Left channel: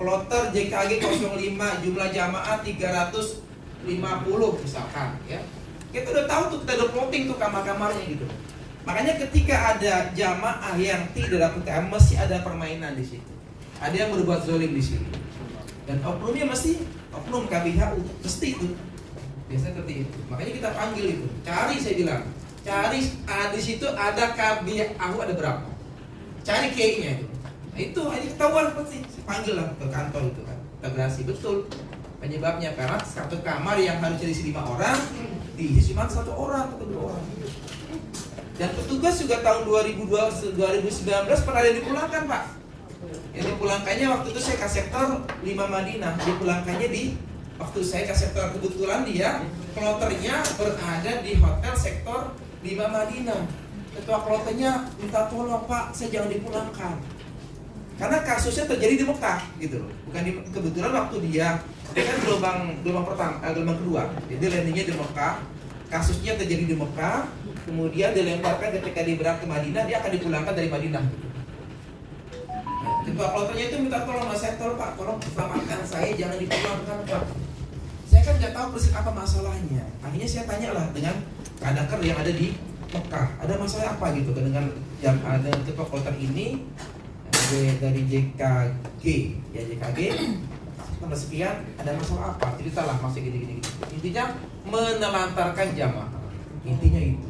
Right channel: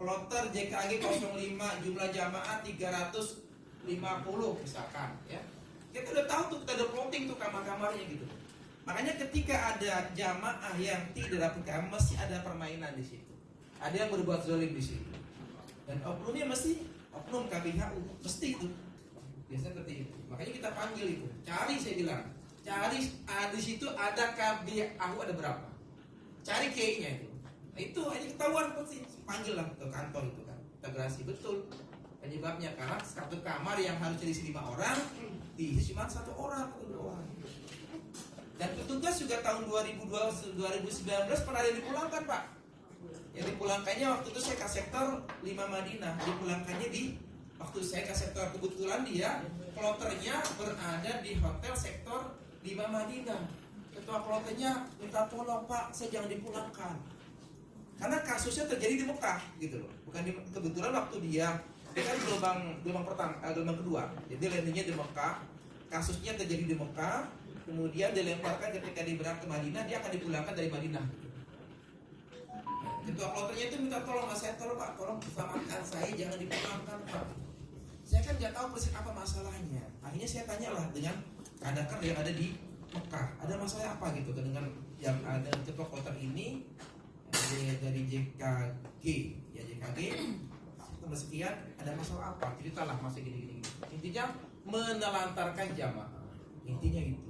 Kloter JKG 05 jumlah jamaah 350 misalkan ya. Kita udah tahu tuh, kita udah plotting tuh kamar-kamarnya gitu. Makanya ketika ada jamaah yang tidak dapat KM, mesti ada permainan di situ. Ada yang berbuat zalim di situ. Dan oknumnya mesti oknum KBHU, mesti itu. Biasanya seperti itu. Makanya kita panggil itu. Cari, saya bilang. Cari di situ ada KBHU ada berapa. Cari KI-nya itu. Nah, itu hanya ketahuan pasti. Panggil lah ke kantor itu kan. Integrasi betul. Penyebabnya karena satu kamar yang harus diisi 5 orang diisi cuma 1 orang atau 2 orang. Dan petugas juga tahun 2019 pernah ada dipulangkan, Pak. Yang dipulangkannya waktu itu saya ke sektor 5 Madinah. Dipulangkannya di waktu saya ke sektor, kebetulan dia kloternya berada di hotel sektor 5 Madinah. Ketua kloternya minta tolong, Pak, saya jangan dipulangkan. Karena kasusnya terjadi di Mekah gitu loh. Bukan di, kebetulan waktu dia kan gelombang pertama, gelombang kedua. Jadi landingnya di Mekah. Kasusnya terjadi di Mekah, kemudian dilemparkan ketika dia berangkat ke Madinah, dia akan dipulangkan dari Madinah. Ketua kloternya itu minta tolong, Mas, saya tolong, Pak, tolong selamatkan saya, jangan dipulangkan, Pak. Saya kan nggak tahu persis apa masalahnya. Akhirnya saya tanyalah dengan kadaker yang ada di Mekah, ada masalah apa gitu dengan yang ada ketua kloter ini dari JKG, ya JKG. Nomor sekian, ada masalah apa? Ceritalah masih gini-gini. Intinya menelantarkan jamaah. Intinya itu.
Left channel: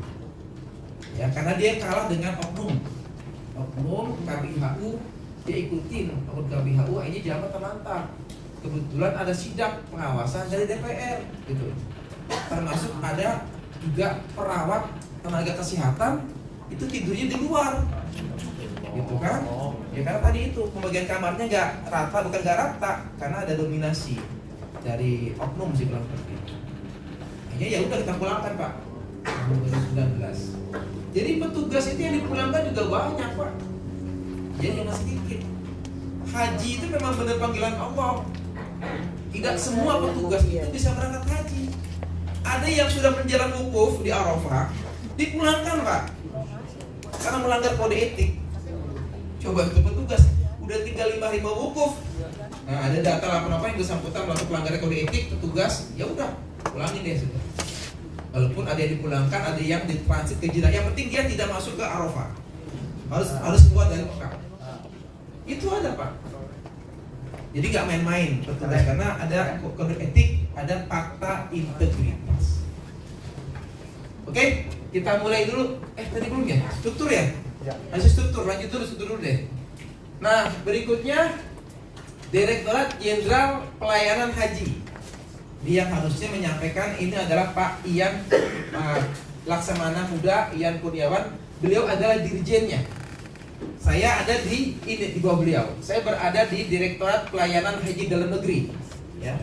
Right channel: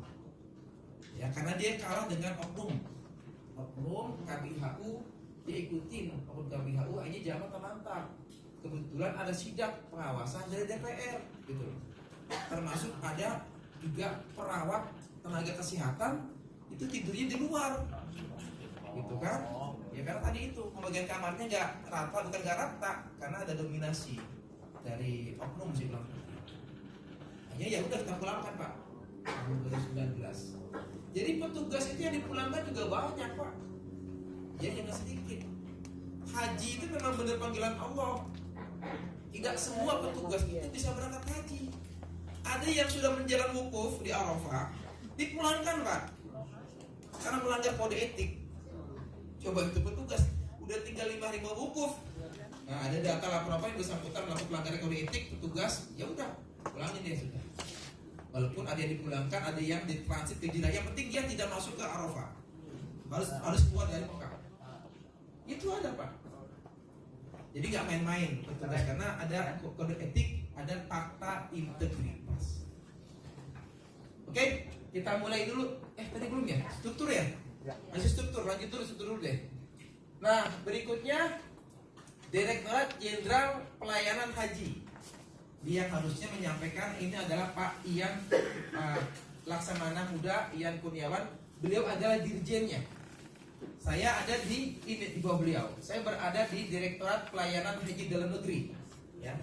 Ya, karena dia kalah dengan oknum KBHU, dia ikutin oknum KBHU, ini jamaah terlantar. Kebetulan ada sidak pengawasan dari DPR, gitu. Termasuk ada juga perawat tenaga kesehatan itu tidurnya di luar, gitu kan? Ya karena tadi itu pembagian kamarnya nggak rata, bukan nggak rata, karena ada dominasi dari oknum sih bilang seperti itu. Akhirnya ya udah kita pulangkan, Pak, tahun 2019. Jadi petugas itu yang dipulangkan juga banyak, Pak. Jadi jangan sedikit. Haji itu memang benar panggilan Allah. Tidak semua petugas itu bisa berangkat haji. Ada yang sudah menjalan wukuf di Arafah, dipulangkan, Pak, karena melanggar kode etik. Coba itu petugas udah tinggal 5 hari mau wukuf. Nah, ada data apa yang bersangkutan melakukan pelanggaran kode etik, petugas ya udah pulangin deh sudah. Walaupun ada yang dipulangkan, ada yang ditransit ke Jeddah. Yang penting dia tidak masuk ke Arafah. Harus keluar dari Mekah. Itu ada, Pak. Jadi nggak main-main petugas, karena ada kode etik, ada fakta integritas. Oke, kita mulai dulu. Tadi belum ya? Struktur ya? Masih struktur, lanjut dulu deh. Nah, berikutnya Direktorat Jenderal Pelayanan Haji. Dia harusnya menyampaikan ini adalah Pak Ian Laksamana Muda, Ian Kurniawan. Beliau adalah dirjennya. Saya ada di bawah beliau. Saya berada di Direktorat Pelayanan Haji Dalam Negeri. Ya.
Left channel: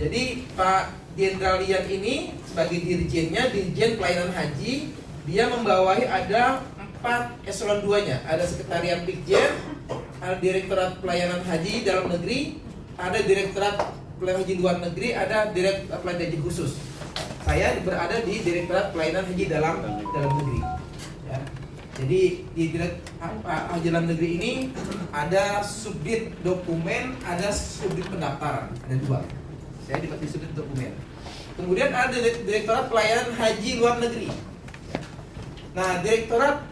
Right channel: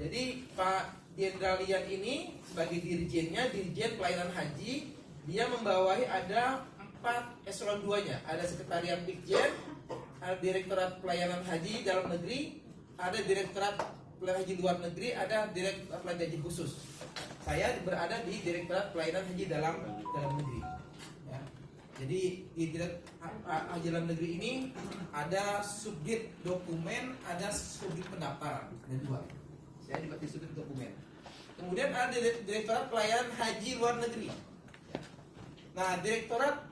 Jadi Pak Jenderal Ian ini sebagai dirjennya, Dirjen Pelayanan Haji, dia membawahi ada 4 eselon 2-nya. Ada Sekretariat Ditjen, ada Direktorat Pelayanan Haji Dalam Negeri, ada Direktorat Pelayanan Haji Luar Negeri, ada Direktorat Pelayanan Haji Khusus. Saya berada di Direktorat Pelayanan Haji Dalam Negeri. Ya. Jadi di Direktorat Haji Dalam Negeri ini ada subdit dokumen, ada subdit pendaftaran, ada 2. Saya di subdit dokumen. Kemudian ada Direktorat Pelayanan Haji Luar Negeri. Nah, Direktorat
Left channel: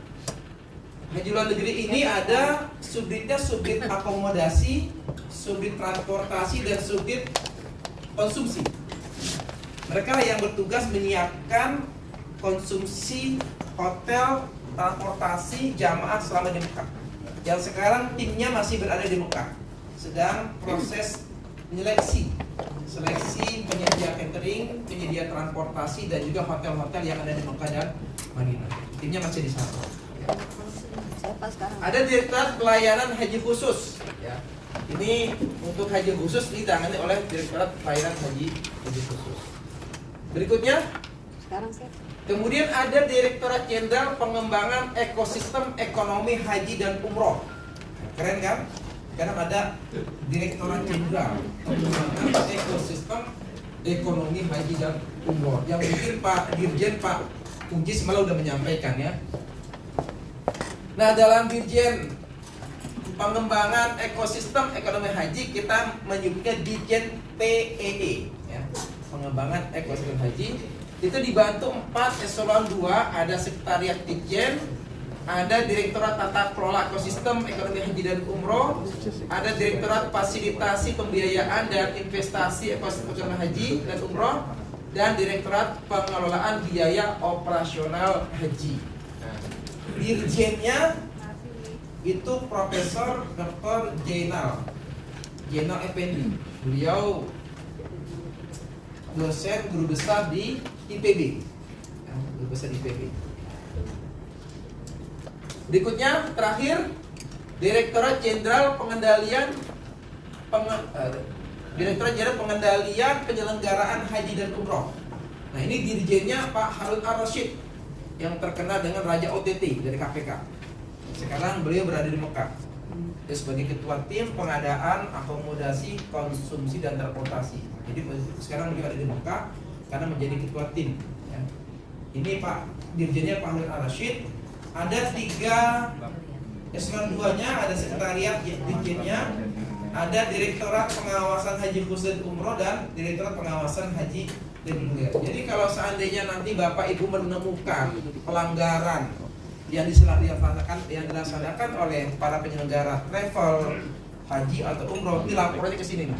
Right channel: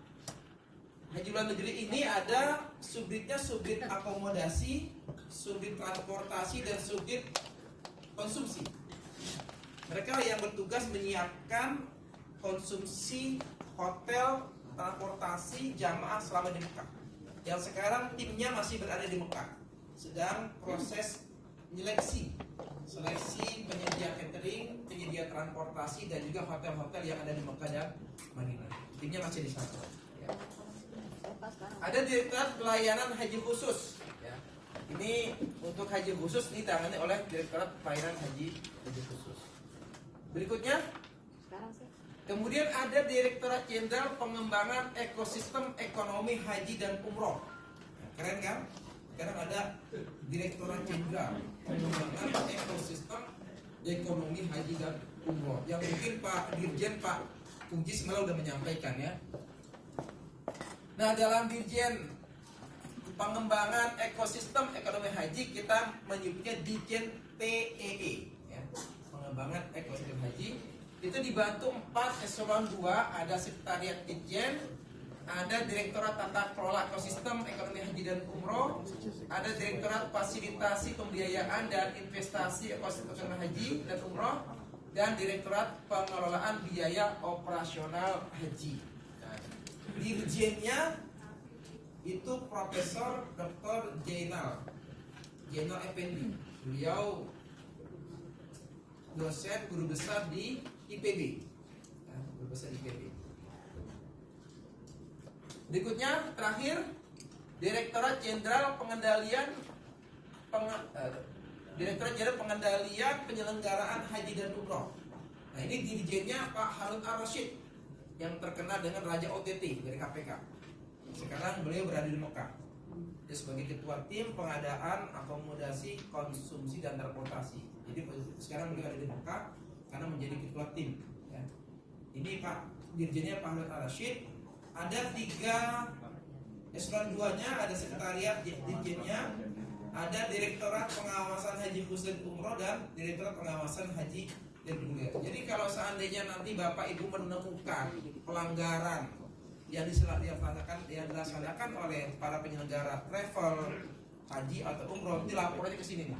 Haji Luar Negeri ini ada subditnya, subdit akomodasi, subdit transportasi, dan subdit konsumsi. Mereka yang bertugas menyiapkan konsumsi hotel, transportasi jamaah selama di Mekah. Yang sekarang timnya masih berada di Mekah, sedang proses seleksi penyedia catering, penyedia transportasi, dan juga hotel-hotel yang ada di Mekah dan Madinah. Timnya masih di sana. Ada Direktorat Pelayanan Haji Khusus. Ya. Ini untuk haji khusus ditangani oleh Direktorat Pelayanan Haji Khusus. Berikutnya, kemudian ada Direktorat Jenderal Pengembangan Ekosistem Ekonomi Haji dan Umroh. Keren kan? Karena ada Direktorat Jenderal Pengembangan Ekosistem Ekonomi Haji dan Umroh. Yang mungkin Pak Dirjen, Pak Kuncis malah udah menyampaikan ya. Nah, dalam Dirjen pengembangan ekosistem ekonomi haji kita menyebutnya Ditjen PEE ya. Pengembangan ekosistem haji itu dibantu 4 eselon 2, ada sekretariat Ditjen, ada Direktorat Tata Kelola Ekosistem Ekonomi Haji dan Umroh, ada Direktorat Fasilitasi Pembiayaan dan Investasi Ekosistem Ekonomi Haji dan Umroh, dan Direktorat Pengelolaan Biaya Operasional Haji. Nah, dirjennya itu Profesor Dr. Jainal Effendi. Beliau dosen guru besar di IPB. Ya, guru besar di IPB. Berikutnya terakhir Direktorat Jenderal Pengendalian Penyelenggaraan Haji dan Umroh. Nah, ini dirjennya Pak Harun Ar-Rasyid yang terkenal dengan Raja OTT dari KPK. Sekarang beliau berada di Mekah. Dia sebagai ketua tim pengadaan akomodasi, konsumsi dan transportasi. Jadi sekarang beliau ada di Mekah karena menjadi ketua tim. Ya. Ini Pak dirjennya Pak Harun Ar-Rasyid. Ada 3 eselon 2-nya, ada sekretariat dirjennya, ada Direktorat Pengawasan Haji Khusus Umroh dan Direktorat Pengawasan Haji dan Umroh. Jadi kalau seandainya nanti Bapak Ibu menemukan pelanggaran yang dilaksanakan oleh para penyelenggara travel, haji atau umroh, dilapor aja ke sini nih.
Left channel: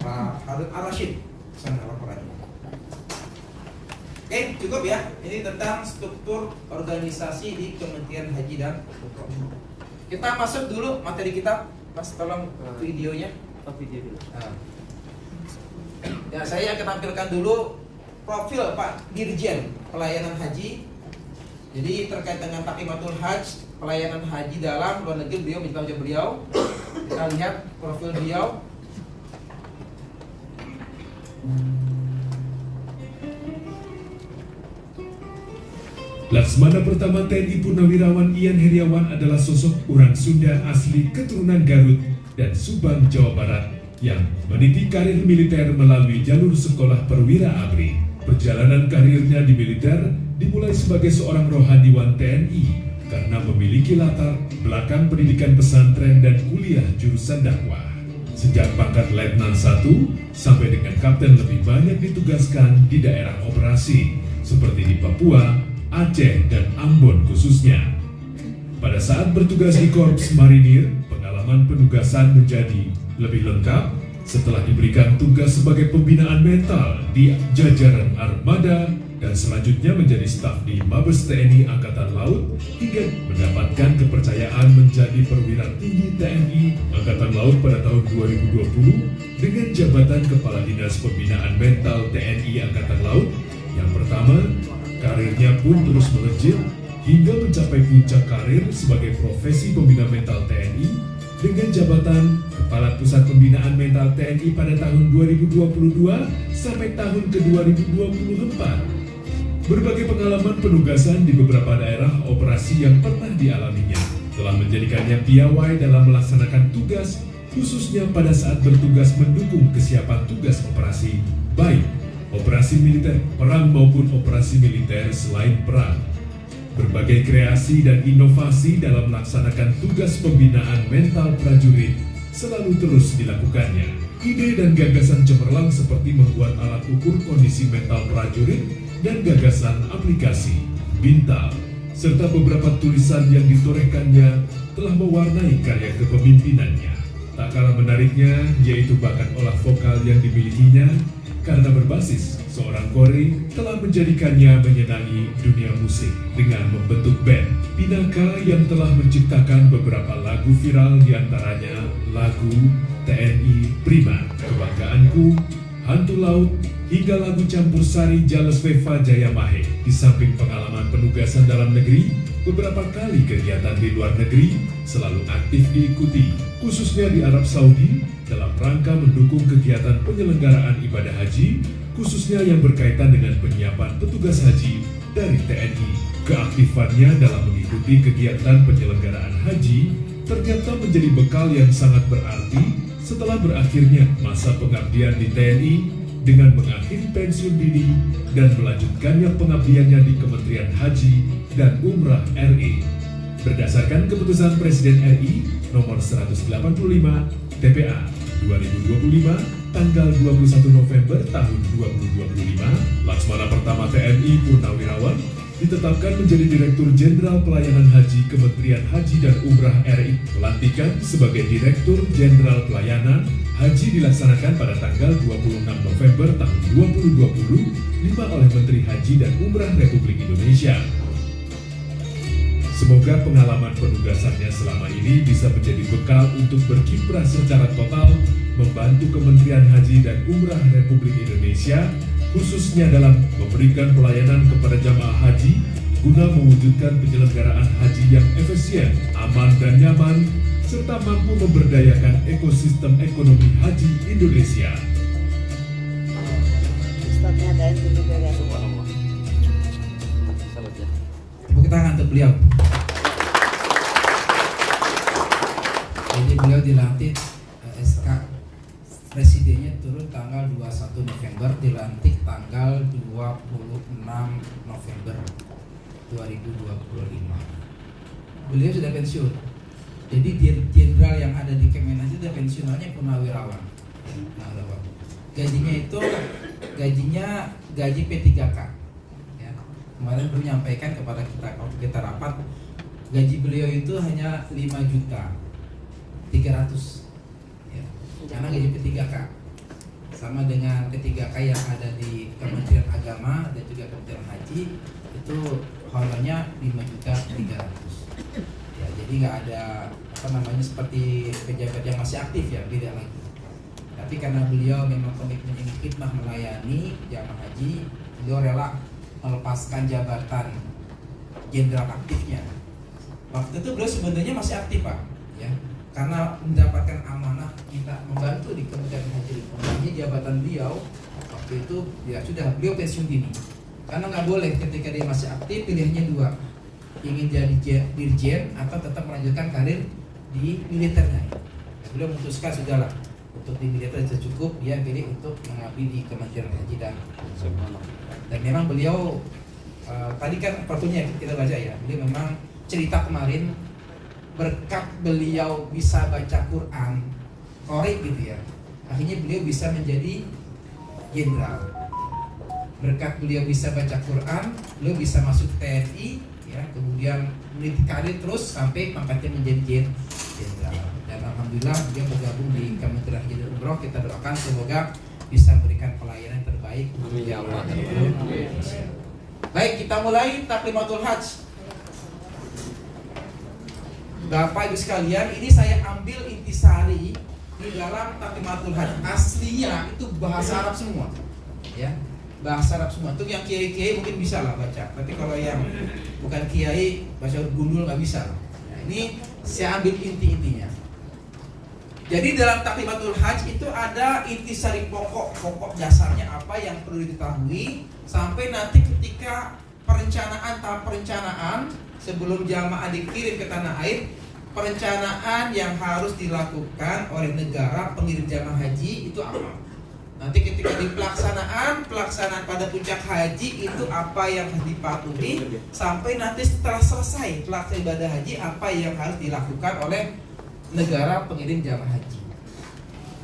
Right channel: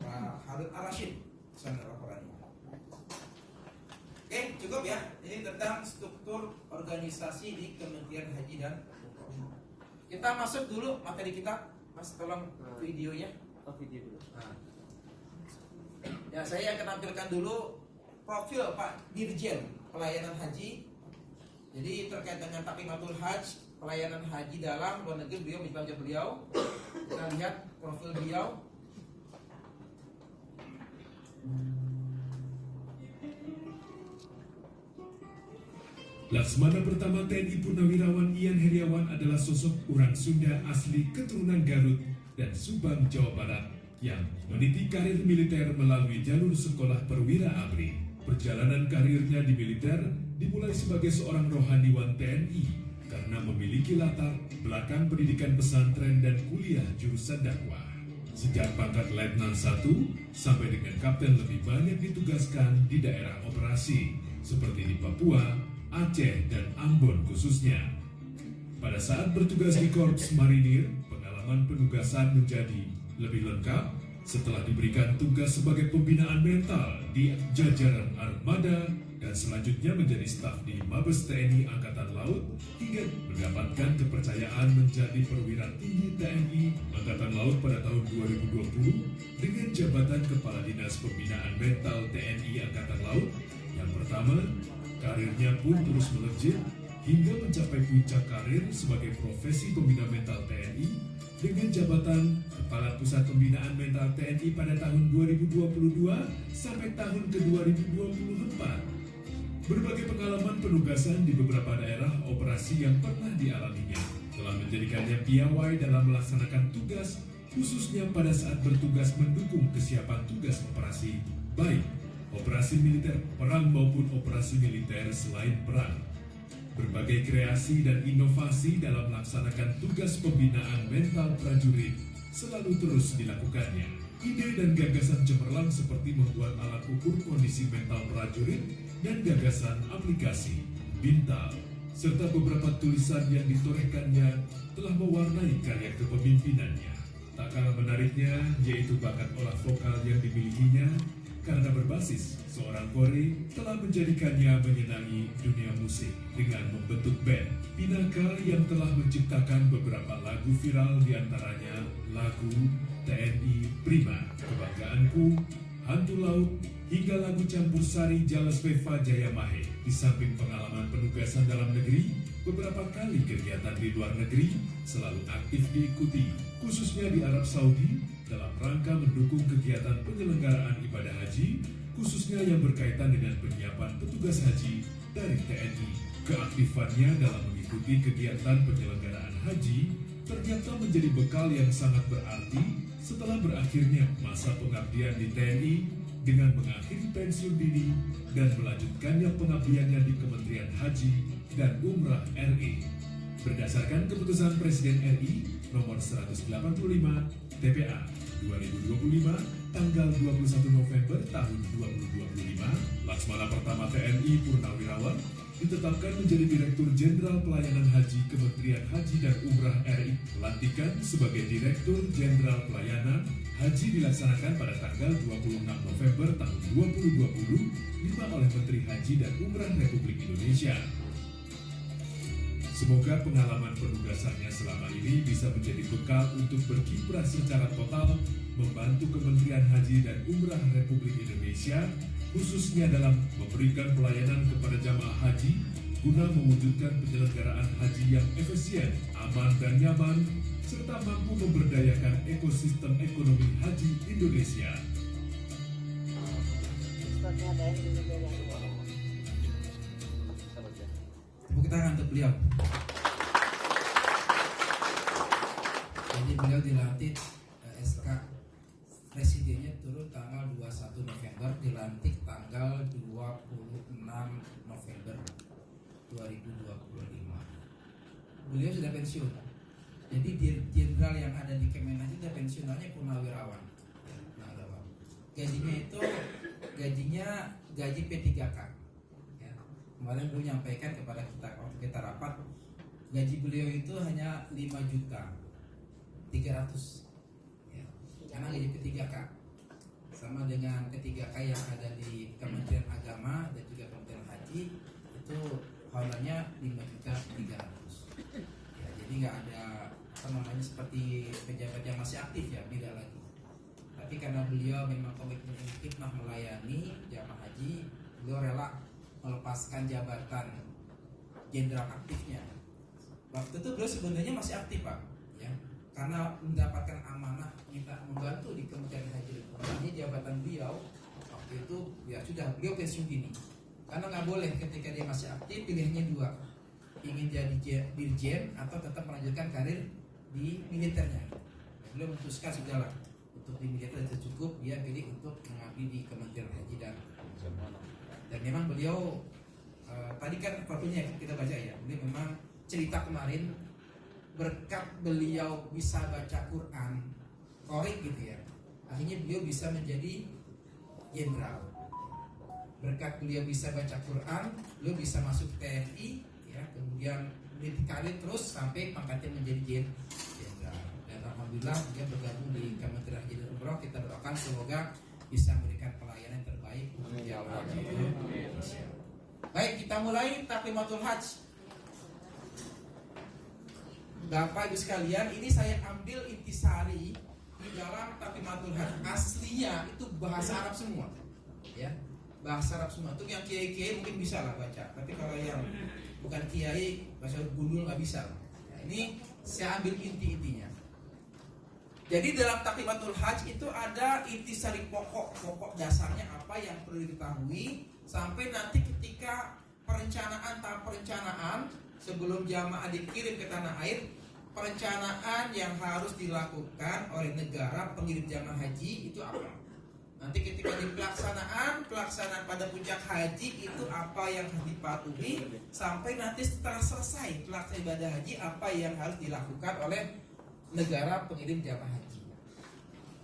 Pak Harun Ar-Rasyid, sana laporannya. Oke, cukup ya. Ini tentang struktur organisasi di Kementerian Haji dan Umroh. Kita masuk dulu materi kita. Mas, tolong videonya. Video dulu. Nah. Ya, saya akan tampilkan dulu profil Pak Dirjen Pelayanan Haji. Jadi terkait dengan Taqimatul Hajj, pelayanan haji dalam luar negeri, beliau minta ujian beliau. Kita lihat profil beliau. Laksmana Pertama TNI Purnawirawan Ian Heriawan adalah sosok orang Sunda asli keturunan Garut dan Subang, Jawa Barat yang meniti karir militer melalui jalur sekolah perwira ABRI. Perjalanan karirnya di militer dimulai sebagai seorang rohaniwan TNI karena memiliki latar belakang pendidikan pesantren dan kuliah jurusan dakwah. Sejak pangkat Letnan 1 sampai dengan Kapten lebih banyak ditugaskan di daerah operasi seperti di Papua, Aceh, dan Ambon khususnya. Pada saat bertugas di Korps Marinir, pengalaman penugasan menjadi lebih lengkap setelah diberikan tugas sebagai pembinaan mental di jajaran armada dan selanjutnya menjadi staf di Mabes TNI Angkatan Laut hingga mendapatkan kepercayaan menjadi perwira tinggi TNI Angkatan Laut pada tahun 2020 dengan jabatan Kepala Dinas Pembinaan Mental TNI Angkatan Laut. Yang pertama, karirnya pun terus melejit hingga mencapai puncak karir sebagai profesi pembina mental TNI dengan jabatan Kepala Pusat Pembinaan Mental TNI pada tahun 2022 sampai tahun ke-2024. Berbagai pengalaman penugasan di beberapa daerah operasi yang pernah dialaminya telah menjadikannya piawai dalam melaksanakan tugas, khususnya pada saat bertugas mendukung kesiapan tugas operasi, baik operasi militer perang maupun operasi militer selain perang. Berbagai kreasi dan inovasi dalam melaksanakan tugas pembinaan mental prajurit selalu terus dilakukannya. Ide dan gagasan cemerlang seperti membuat alat ukur kondisi mental prajurit dan gagasan aplikasi, Bintal, serta beberapa tulisan yang ditorehkannya telah mewarnai karya kepemimpinannya. Tak kalah menariknya yaitu bakat olah vokal yang dimilikinya karena berbasis seorang kori telah menjadikannya menyenangi dunia musik dengan membentuk band Pinaka yang telah menciptakan beberapa lagu viral diantaranya lagu TNI Prima, Kebanggaanku, Hantu Laut, hingga lagu campur sari Jales Veva Jayamahe. Di samping pengalaman penugasan dalam negeri, beberapa kali kegiatan di luar negeri selalu aktif diikuti, khususnya di Arab Saudi dalam rangka mendukung kegiatan penyelenggaraan ibadah haji, khususnya yang berkaitan dengan penyiapan petugas haji dari TNI. Keaktifannya dalam mengikuti kegiatan penyelenggaraan haji ternyata menjadi bekal yang sangat berarti setelah berakhirnya masa pengabdian di TNI dengan mengakhiri pensiun dini dan melanjutkannya pengabdiannya di Kementerian Haji dan Umrah RI. berdasarkan keputusan Presiden RI nomor 185 TPA 2025 tanggal 21 November tahun 2025, Laksmana Pertama TNI Purnawirawan ditetapkan menjadi Direktur Jenderal Pelayanan Haji Kementerian Haji dan Umrah RI. Pelantikan sebagai Direktur Jenderal Pelayanan Haji dilaksanakan pada tanggal 26 November tahun 2020 oleh Menteri Haji dan Umrah Republik Indonesia. Semoga pengalaman penugasannya selama ini bisa menjadi bekal untuk berkiprah secara total membantu Kementerian Haji dan Umrah Republik Indonesia, khususnya dalam memberikan pelayanan kepada jamaah haji guna mewujudkan penyelenggaraan haji yang efisien, aman dan nyaman, serta mampu memberdayakan ekosistem ekonomi haji Indonesia. Tepuk tangan untuk beliau. Jadi beliau dilantik SK Presidennya turun tanggal 21 November, dilantik tanggal 26 November 2025. Beliau sudah pensiun. Jadi jenderal yang ada di Kemenas itu pensiunannya purnawirawan. Gajinya itu gaji P3K. Ya. Kemarin beliau menyampaikan kepada kita waktu kita rapat, gaji beliau itu hanya 5.300.000. Ya. Karena gaji P3K sama dengan P3K yang ada di Kementerian Agama dan juga Kementerian Haji itu honornya 5.300.000. Ya, jadi nggak ada seperti pejabat yang masih aktif ya, beda lagi. Tapi karena beliau memang komitmen khidmah melayani jamaah haji, beliau rela melepaskan jabatan jenderal aktifnya. Waktu itu beliau sebenarnya masih aktif Pak, ya, karena mendapatkan amanah minta membantu di Kementerian Haji. Ini jabatan beliau waktu itu ya sudah beliau pensiun dini. Karena nggak boleh ketika dia masih aktif, pilihannya dua, ingin jadi dirjen atau tetap melanjutkan karir di militernya. Beliau memutuskan sudahlah untuk di militer sudah cukup, dia pilih untuk mengabdi di Kementerian Haji dan memang beliau tadi kan perpunya kita baca ya, beliau memang cerita kemarin berkat beliau bisa baca Quran korek gitu ya, akhirnya beliau bisa menjadi jenderal. Berkat beliau bisa baca Quran, beliau bisa masuk TNI ya, kemudian meniti karir terus sampai pangkatnya menjadi jenderal. Dan alhamdulillah beliau bergabung di Kementerian Haji dan Umroh. Kita doakan semoga bisa memberikan pelayanan terbaik untuk jamaah Indonesia. Baik, kita mulai Taklimatul Hajj. Bapak Ibu sekalian, ini saya ambil intisari di dalam Taklimatul Hajj. Aslinya itu bahasa Arab semua, ya, bahasa Arab semua. Untuk yang kiai-kiai mungkin bisa lah baca, tapi kalau yang bukan kiai bahasa gundul nggak bisa. Nah, ini saya ambil inti-intinya. Jadi dalam Taklimatul Hajj itu ada intisari pokok dasarnya apa yang perlu diketahui sampai nanti ketika tahap perencanaan sebelum jamaah dikirim ke tanah air, perencanaan yang harus dilakukan oleh negara pengirim jamaah haji itu apa? Nanti ketika di pelaksanaan pada puncak haji itu apa yang harus dipatuhi, sampai nanti setelah selesai pelaksanaan ibadah haji apa yang harus dilakukan oleh negara pengirim jamaah haji.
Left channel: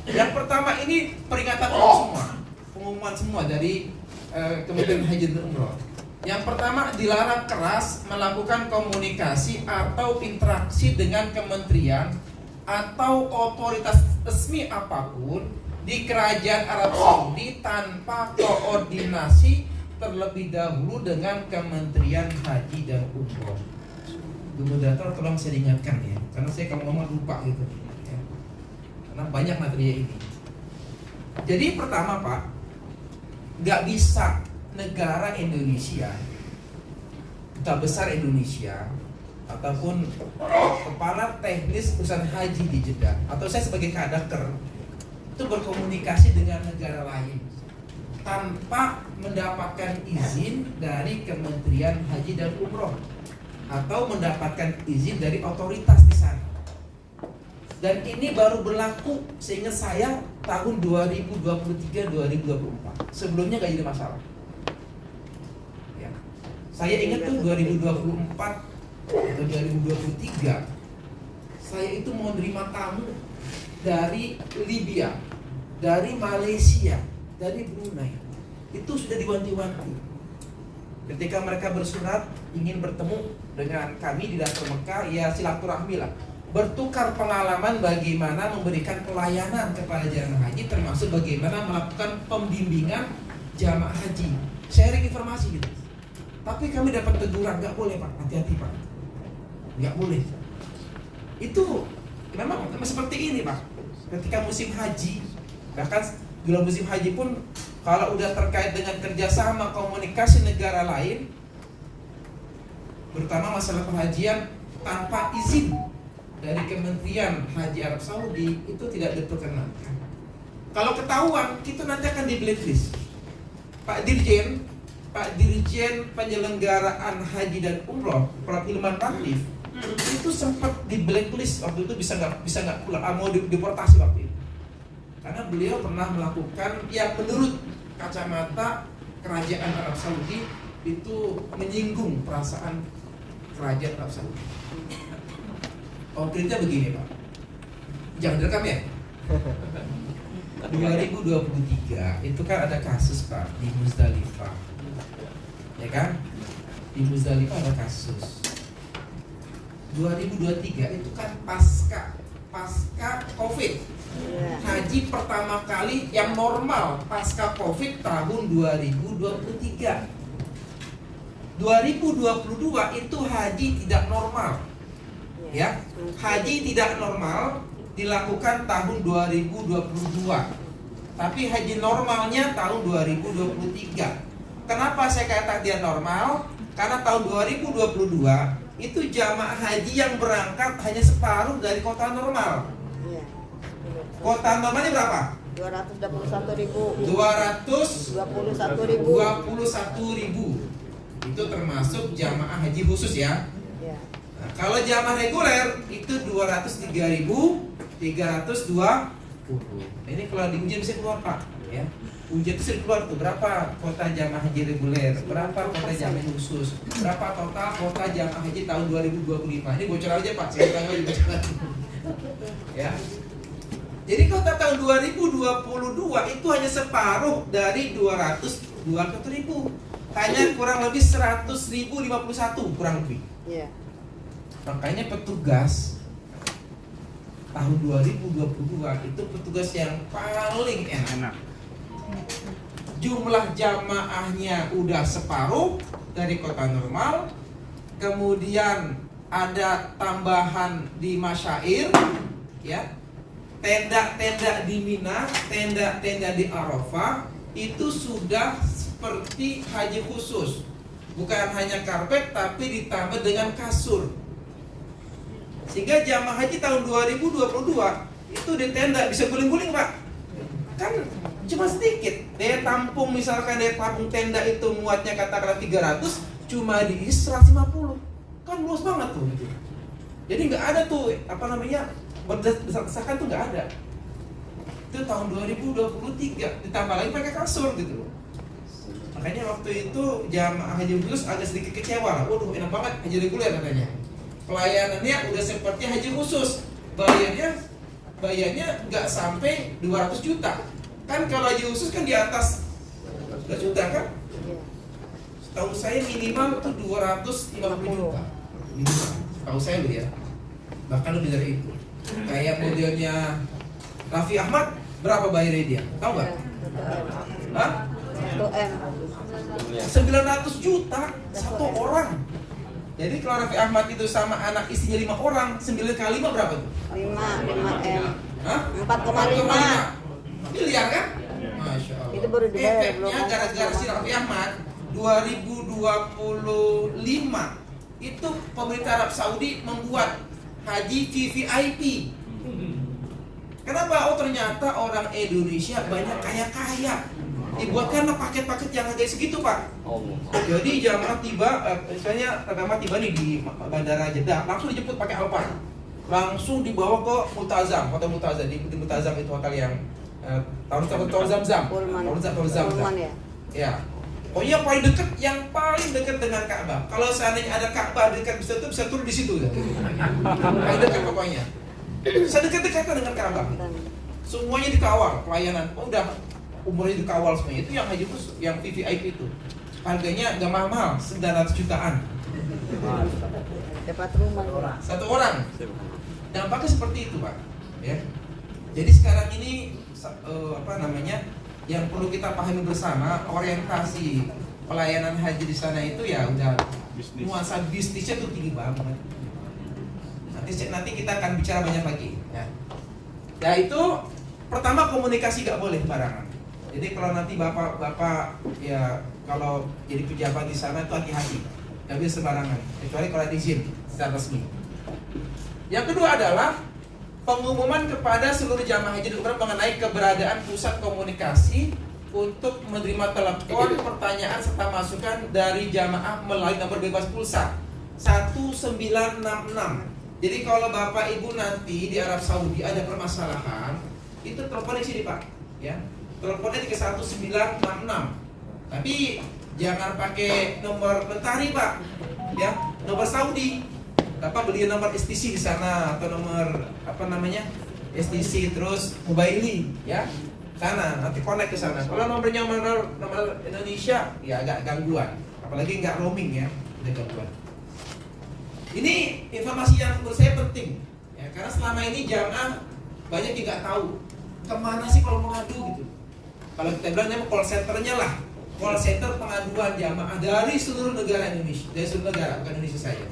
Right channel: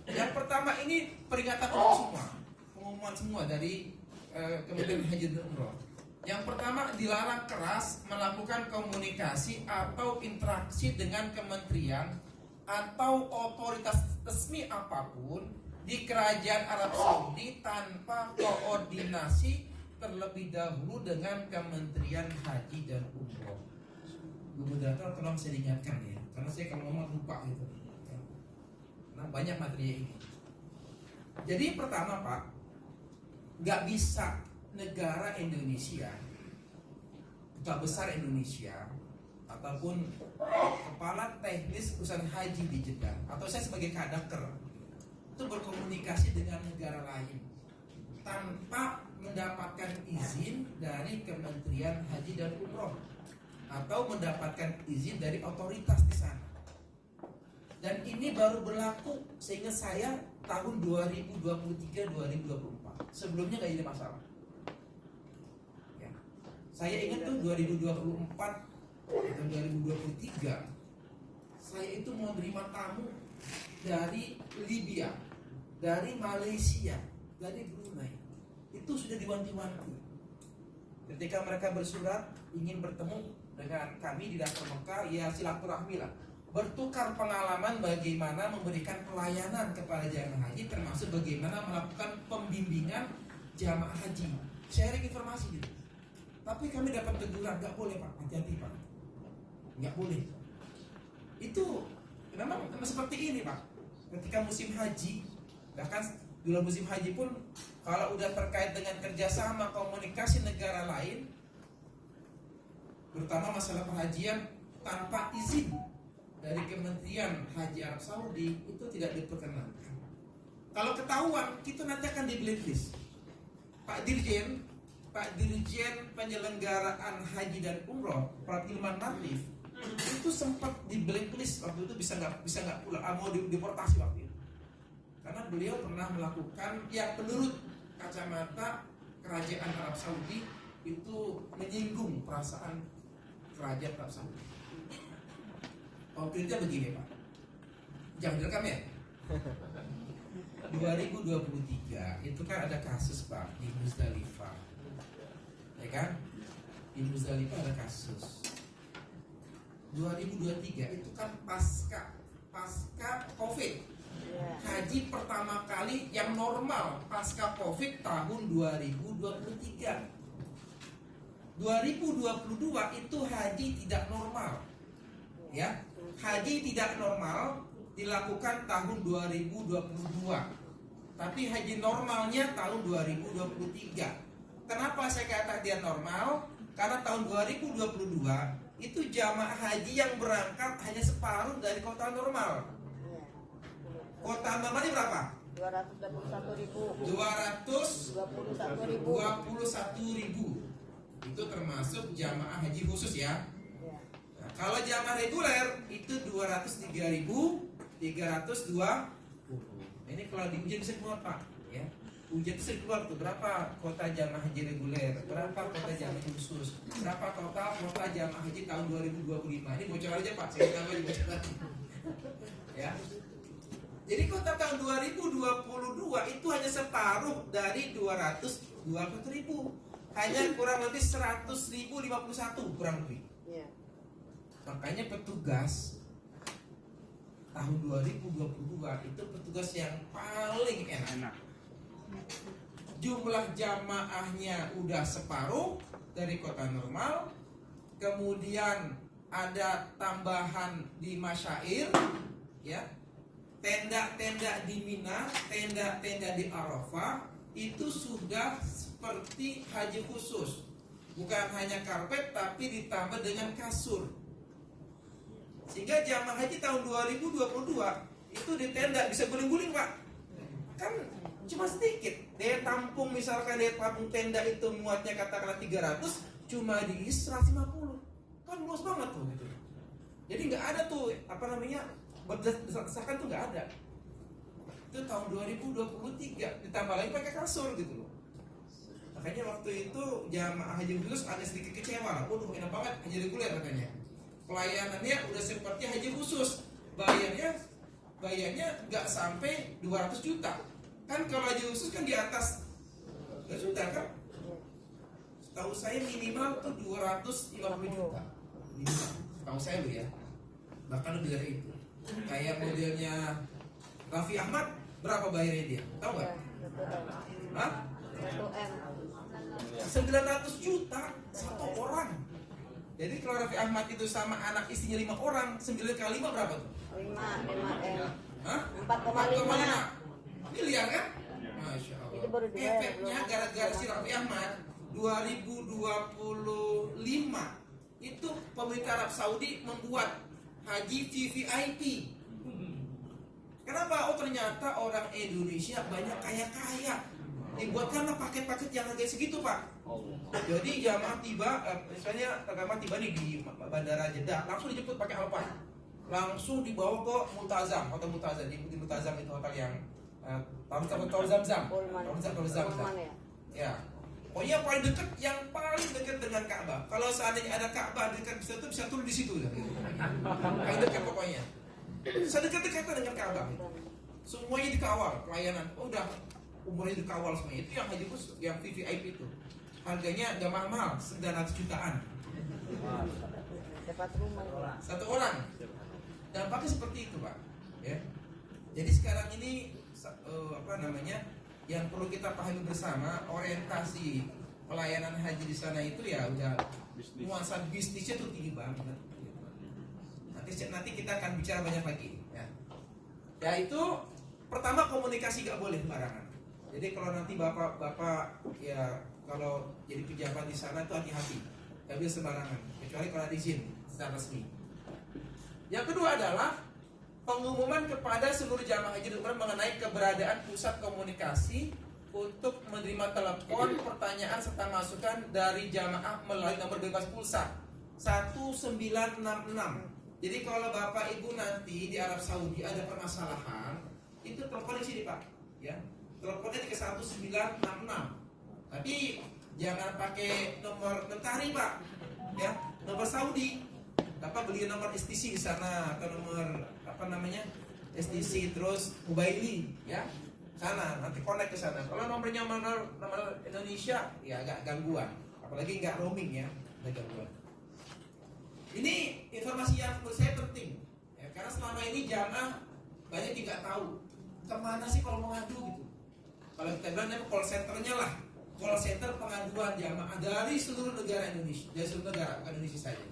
Yang pertama ini peringatan semua, pengumuman semua dari Kementerian Haji dan Umroh. Yang pertama, dilarang keras melakukan komunikasi atau interaksi dengan kementerian atau otoritas resmi apapun di Kerajaan Arab Saudi tanpa koordinasi terlebih dahulu dengan Kementerian Haji dan Umroh. Bu Moderator, tolong saya ingatkan ya, karena saya kalau ngomong lupa gitu ya. Karena banyak materi ini. Jadi pertama Pak, nggak bisa negara Indonesia, duta besar Indonesia ataupun kepala teknis urusan haji di Jeddah atau saya sebagai kadaker itu berkomunikasi dengan negara lain tanpa mendapatkan izin dari Kementerian Haji dan Umroh atau mendapatkan izin dari otoritas di sana. Dan ini baru berlaku seingat saya tahun 2023-2024. Sebelumnya nggak jadi masalah. Ya. Saya ingat tuh 2024 atau 2023, saya itu mau nerima tamu dari Libya, dari Malaysia, dari Brunei. Itu sudah diwanti-wanti. Ketika mereka bersurat ingin bertemu dengan kami di Dasar Mekah, ya silaturahmi lah, bertukar pengalaman bagaimana memberikan pelayanan kepada jamaah haji, termasuk bagaimana melakukan pembimbingan jamaah haji, sharing informasi gitu. Tapi kami dapat teguran, nggak boleh Pak, hati-hati Pak, nggak boleh. Itu memang seperti ini Pak. Ketika musim haji, bahkan bila musim haji pun kalau udah terkait dengan kerjasama komunikasi negara lain, terutama masalah perhajian tanpa izin dari Kementerian Haji Arab Saudi, itu tidak diperkenankan. Kalau ketahuan, kita nanti akan di blacklist. Pak Dirjen penyelenggaraan haji dan umroh, Prof. Hilman Latif, itu sempat di blacklist waktu itu, bisa nggak pulang, mau deportasi waktu itu. Karena beliau pernah melakukan yang menurut kacamata kerajaan Arab Saudi itu menyinggung perasaan kerajaan Arab Saudi. Konkretnya begini Pak, jangan direkam ya. 2023 itu kan ada kasus Pak di Muzdalifah, ya kan? Di Muzdalifah ada kasus. 2023 itu kan pasca Covid, haji pertama kali yang normal pasca Covid tahun 2023. 2022 itu haji tidak normal, ya. Haji tidak normal dilakukan tahun 2022, tapi haji normalnya tahun 2023. Kenapa saya katakan dia normal? Karena tahun 2022 itu jamaah haji yang berangkat hanya separuh dari kota normal. Kota normalnya berapa? 221.000. 221.000. Itu termasuk jamaah haji khusus ya. Nah, kalau jamaah reguler itu 203.320. Ini kalau diuji bisa keluar Pak, ya. Ujian itu keluar tuh berapa kota jamaah haji reguler, berapa kota jamaah khusus, berapa total kota jamaah haji tahun 2025. Ini bocor aja Pak, saya tahu juga ya. Jadi kota tahun 2022 itu hanya separuh dari 200.000, hanya kurang lebih 100.051 kurang lebih. Makanya petugas tahun 2022 itu petugas yang paling enak. Jumlah jamaahnya udah separuh dari kota normal. Kemudian ada tambahan di masyair, ya. Tenda-tenda di Mina, tenda-tenda di Arafah itu sudah seperti haji khusus. Bukan hanya karpet tapi ditambah dengan kasur. Sehingga jamaah haji tahun 2022 itu di tenda bisa guling-guling Pak. Kan cuma sedikit. Daya tampung, misalkan daya tampung tenda itu muatnya katakanlah 300, cuma diisi 150. Kan luas banget tuh gitu. Jadi nggak ada tuh berdesak-desakan tuh nggak ada. Itu tahun 2023 ditambah lagi pakai kasur gitu loh. Makanya waktu itu jamaah haji khusus agak sedikit kecewa. Waduh enak banget haji reguler katanya. Pelayanannya udah seperti haji khusus. Bayarnya nggak sampai 200 juta. Kan kalau haji khusus kan di atas 2 juta kan? Tahu saya minimal tuh 250 juta. Minimal. Tahu saya loh ya. Bahkan lebih dari itu. Kayak modelnya Raffi Ahmad berapa bayarnya dia? Tahu nggak? Hah? 900 juta satu orang. Jadi kalau Raffi Ahmad itu sama anak istrinya 5 orang, 9 kali 5 berapa tuh? 5 M. Hah? 4,5 miliar kan? Masya Allah. Itu baru dibayar, efeknya belum. gara-gara si Raffi Ahmad 2025 itu pemerintah Arab Saudi membuat haji VVIP. Kenapa? Oh ternyata orang Indonesia banyak kaya-kaya. Dibuatkanlah paket-paket yang harga segitu Pak. Jadi jamaah tiba, misalnya jamaah tiba nih di Bandara Jeddah, langsung dijemput pakai Alphard, langsung dibawa ke Multazam, hotel Multazam. Di Multazam itu hotel yang Tol Zamzam. Ya. Oh iya, yang paling dekat dengan Ka'bah. Kalau seandainya ada Ka'bah dekat bisa turun di situ ya. Paling dekat pokoknya. Sedekat-dekatnya dengan Ka'bah. Semuanya dikawal, pelayanan. Oh, udah umurnya dikawal semuanya. Itu yang haji khusus, yang VVIP itu. Harganya nggak mahal-mahal, 900 jutaan. Dapat rumah. Satu orang. Dampaknya seperti itu, Pak. Ya. Jadi sekarang ini yang perlu kita pahami bersama, orientasi pelayanan haji di sana itu ya udah nuansa bisnisnya tuh tinggi banget. Nanti kita akan bicara banyak lagi. Ya itu pertama, komunikasi gak boleh barangan. Jadi kalau nanti bapak ya kalau jadi pejabat di sana itu hati-hati, gak bisa sembarangan, kecuali kalau ada izin secara resmi. Yang kedua adalah pengumuman kepada seluruh jamaah haji dan umrah mengenai keberadaan pusat komunikasi untuk menerima telepon, pertanyaan serta masukan dari jamaah melalui nomor bebas pulsa 1966. Jadi kalau Bapak Ibu nanti di Arab Saudi ada permasalahan, itu teleponnya sini Pak, ya. Teleponnya ke 1966. Tapi jangan pakai nomor Mentari Pak, ya, nomor Saudi. Bapak beli nomor STC di sana atau nomor STC terus Mobaili, ya. Sana nanti connect ke sana. Kalau nomornya nomor Indonesia ya agak gangguan, apalagi nggak roaming ya, ada gangguan. Ini informasi yang menurut saya penting ya, karena selama ini jamaah banyak yang nggak tahu kemana sih kalau mau ngadu gitu. Kalau kita bilang call centernya lah, call center pengaduan jamaah dari seluruh negara Indonesia, dari seluruh negara, bukan Indonesia saja.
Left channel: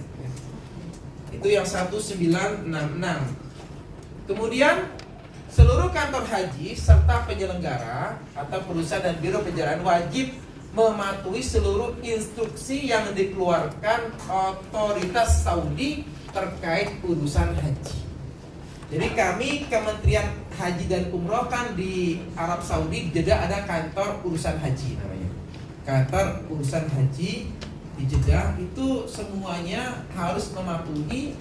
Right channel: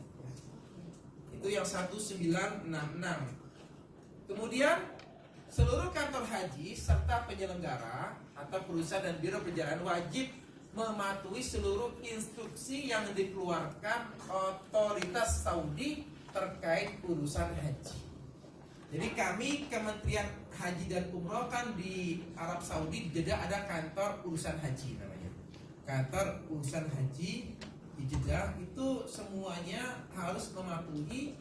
Itu yang 1966. Kemudian seluruh kantor haji serta penyelenggara atau perusahaan dan biro perjalanan wajib mematuhi seluruh instruksi yang dikeluarkan otoritas Saudi terkait urusan haji. Jadi kami Kementerian Haji dan Umroh kan di Arab Saudi, di Jeddah ada kantor urusan haji namanya. Kantor urusan haji di Jeddah itu semuanya harus mematuhi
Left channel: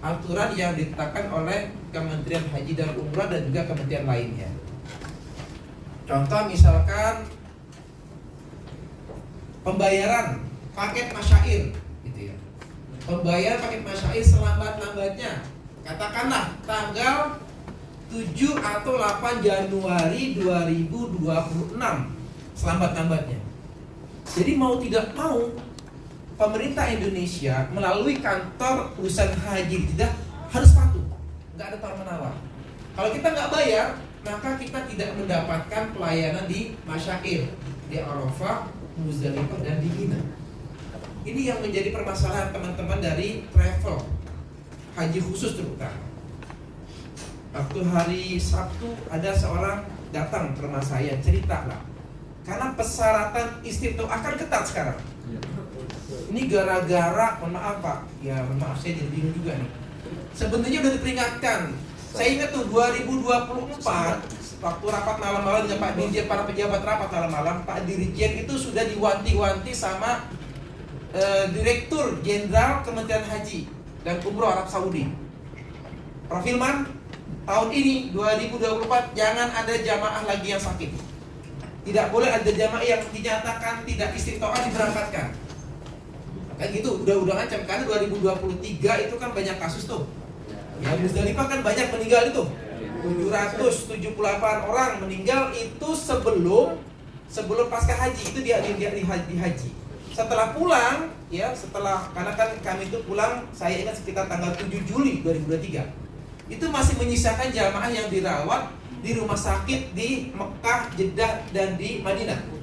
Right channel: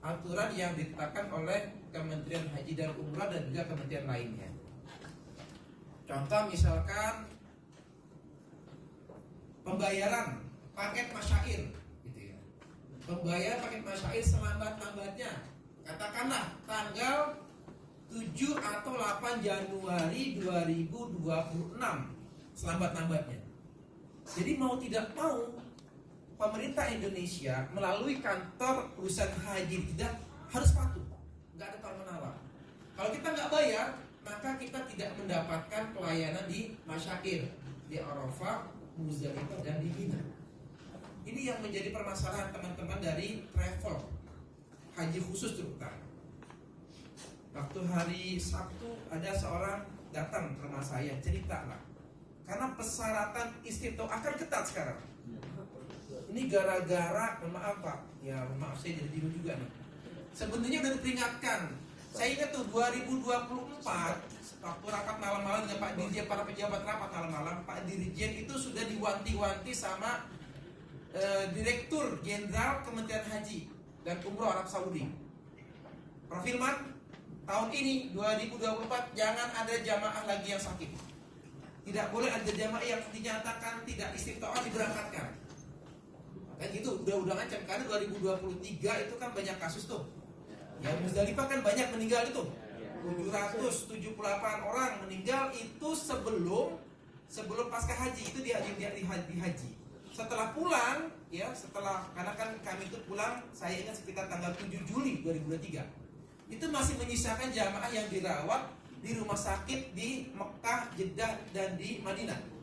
aturan yang ditetapkan oleh Kementerian Haji dan Umrah dan juga kementerian lainnya. Contoh misalkan pembayaran paket masyair gitu ya. Pembayaran paket masyair selambat-lambatnya katakanlah tanggal 7 atau 8 Januari 2026 selambat-lambatnya. Jadi mau tidak mau pemerintah Indonesia melalui kantor urusan haji kita harus patuh, nggak ada tawar-menawar. Kalau kita nggak bayar, maka kita tidak mendapatkan pelayanan di masyair, di Arafah, Muzdalifah dan di Mina. Ini yang menjadi permasalahan teman-teman dari travel haji khusus terutama. Waktu hari Sabtu ada seorang datang ke rumah saya, cerita lah, karena persyaratan istiqtoah akan ketat sekarang. Ini gara-gara, mohon maaf Pak, ya maaf saya jadi bingung juga nih. Sebenarnya udah diperingatkan. Saya ingat tuh 2024 waktu rapat malam-malam dengan Pak Dirjen, para pejabat rapat malam-malam, Pak Dirjen itu sudah diwanti-wanti sama Direktur Jenderal Kementerian Haji dan Umroh Arab Saudi. Prof. Hilman, tahun ini 2024 jangan ada jamaah lagi yang sakit. Tidak boleh ada jamaah yang dinyatakan tidak istiqtoah diberangkatkan. Kayak gitu, udah ngancam karena 2023 itu kan banyak kasus tuh. Ya Muzdalifah kan banyak meninggal itu. 778 orang meninggal itu sebelum pasca haji, itu di haji. Setelah pulang, ya karena kan kami itu pulang, saya ingat sekitar tanggal 7 Juli 2023. Itu masih menyisakan jamaah yang dirawat di rumah sakit di Mekah, Jeddah dan di Madinah.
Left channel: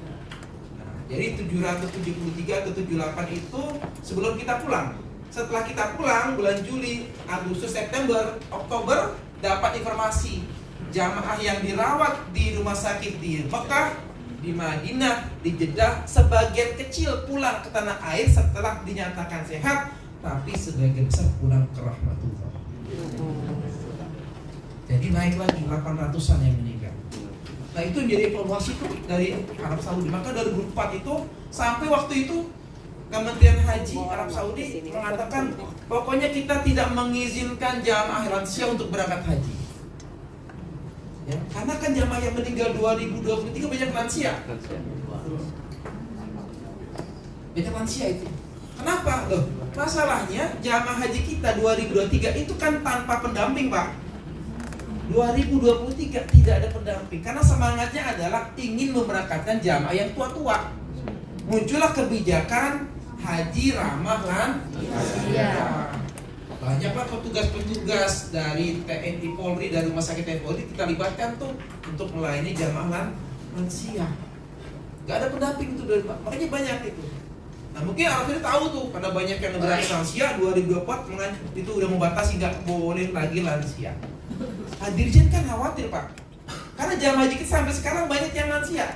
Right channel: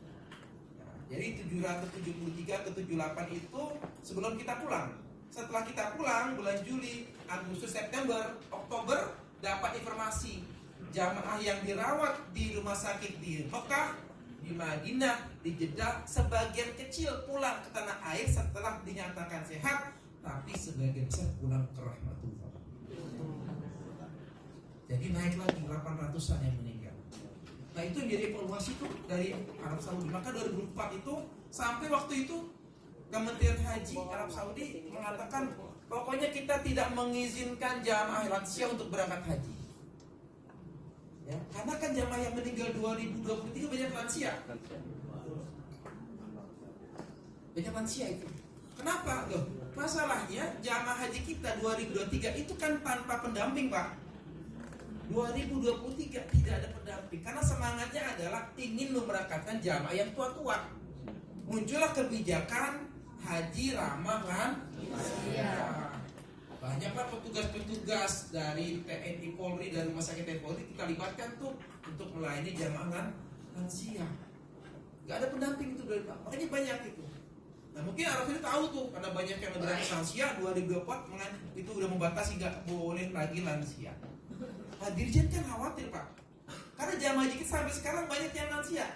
Jadi 773 ke 78 itu sebelum kita pulang. Setelah kita pulang bulan Juli, Agustus, September, Oktober dapat informasi jamaah yang dirawat di rumah sakit di Mekah, di Madinah, di Jeddah sebagian kecil pulang ke tanah air setelah dinyatakan sehat, tapi sebagian besar pulang ke rahmatullah. Jadi naik lagi 800-an yang meninggal. Nah itu menjadi evaluasi tuh dari Arab Saudi. Maka 2004 itu sampai waktu itu Kementerian Haji Arab Saudi mengatakan pokoknya kita tidak mengizinkan jamaah lansia untuk berangkat haji. Ya, karena kan jamaah yang meninggal 2023 banyak lansia. banyak lansia itu. Kenapa? Loh, masalahnya jamaah haji kita 2023 itu kan tanpa pendamping, Pak. 2023 tidak ada pendamping karena semangatnya adalah ingin memberangkatkan jamaah yang tua-tua. Muncullah kebijakan haji ramah lansia. Banyaklah petugas-petugas dari TNI Polri, dari Rumah Sakit TNI Polri kita libatkan tuh untuk melayani jamaah lansia. Gak ada pendamping itu dari Pak. Makanya banyak itu. Nah mungkin Arafin tahu tuh karena banyak yang negara lansia 2024 itu udah membatasi nggak boleh lagi lansia. Nah, Dirjen kan khawatir Pak, karena jamaah haji kita sampai sekarang banyak yang lansia.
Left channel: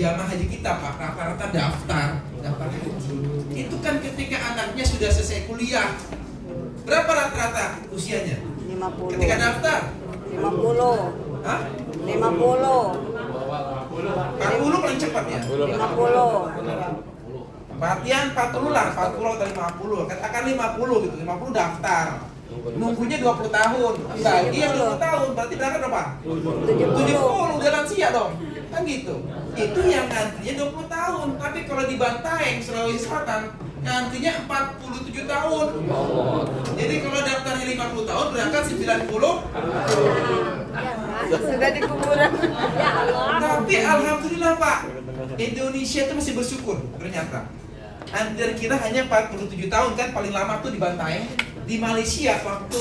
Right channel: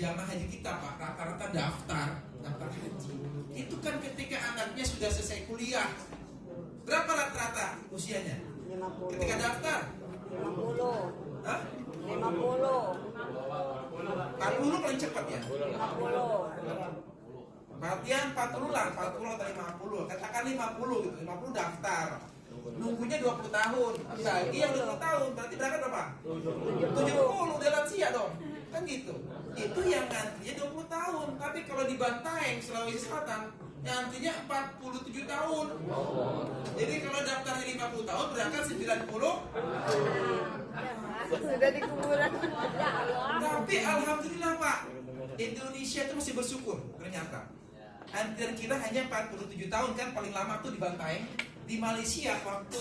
Jamaah haji kita Pak rata-rata daftar haji. Itu kan ketika anaknya sudah selesai kuliah. Berapa rata-rata usianya? 50. Ketika daftar? 50. Hah? 50. 40 paling cepat ya? 50. Perhatian 40 lah, 40 atau 50. Katakan 50 gitu, 50 daftar. Nunggunya 20 tahun. Bagi yang 20 tahun, berarti berangkat berapa? 70 udah lansia dong. Kan gitu. Itu yang ngantrinya 20 tahun. Tapi kalau di Bantaeng, Sulawesi Selatan, ngantrinya 47 tahun. Jadi kalau daftarnya 50 tahun, berangkat 90. Sudah di kuburan. Ya Allah. Tapi alhamdulillah Pak, Indonesia itu masih bersyukur ternyata. Antrian kita hanya 47 tahun kan paling lama tuh di Bantaeng. Di Malaysia waktu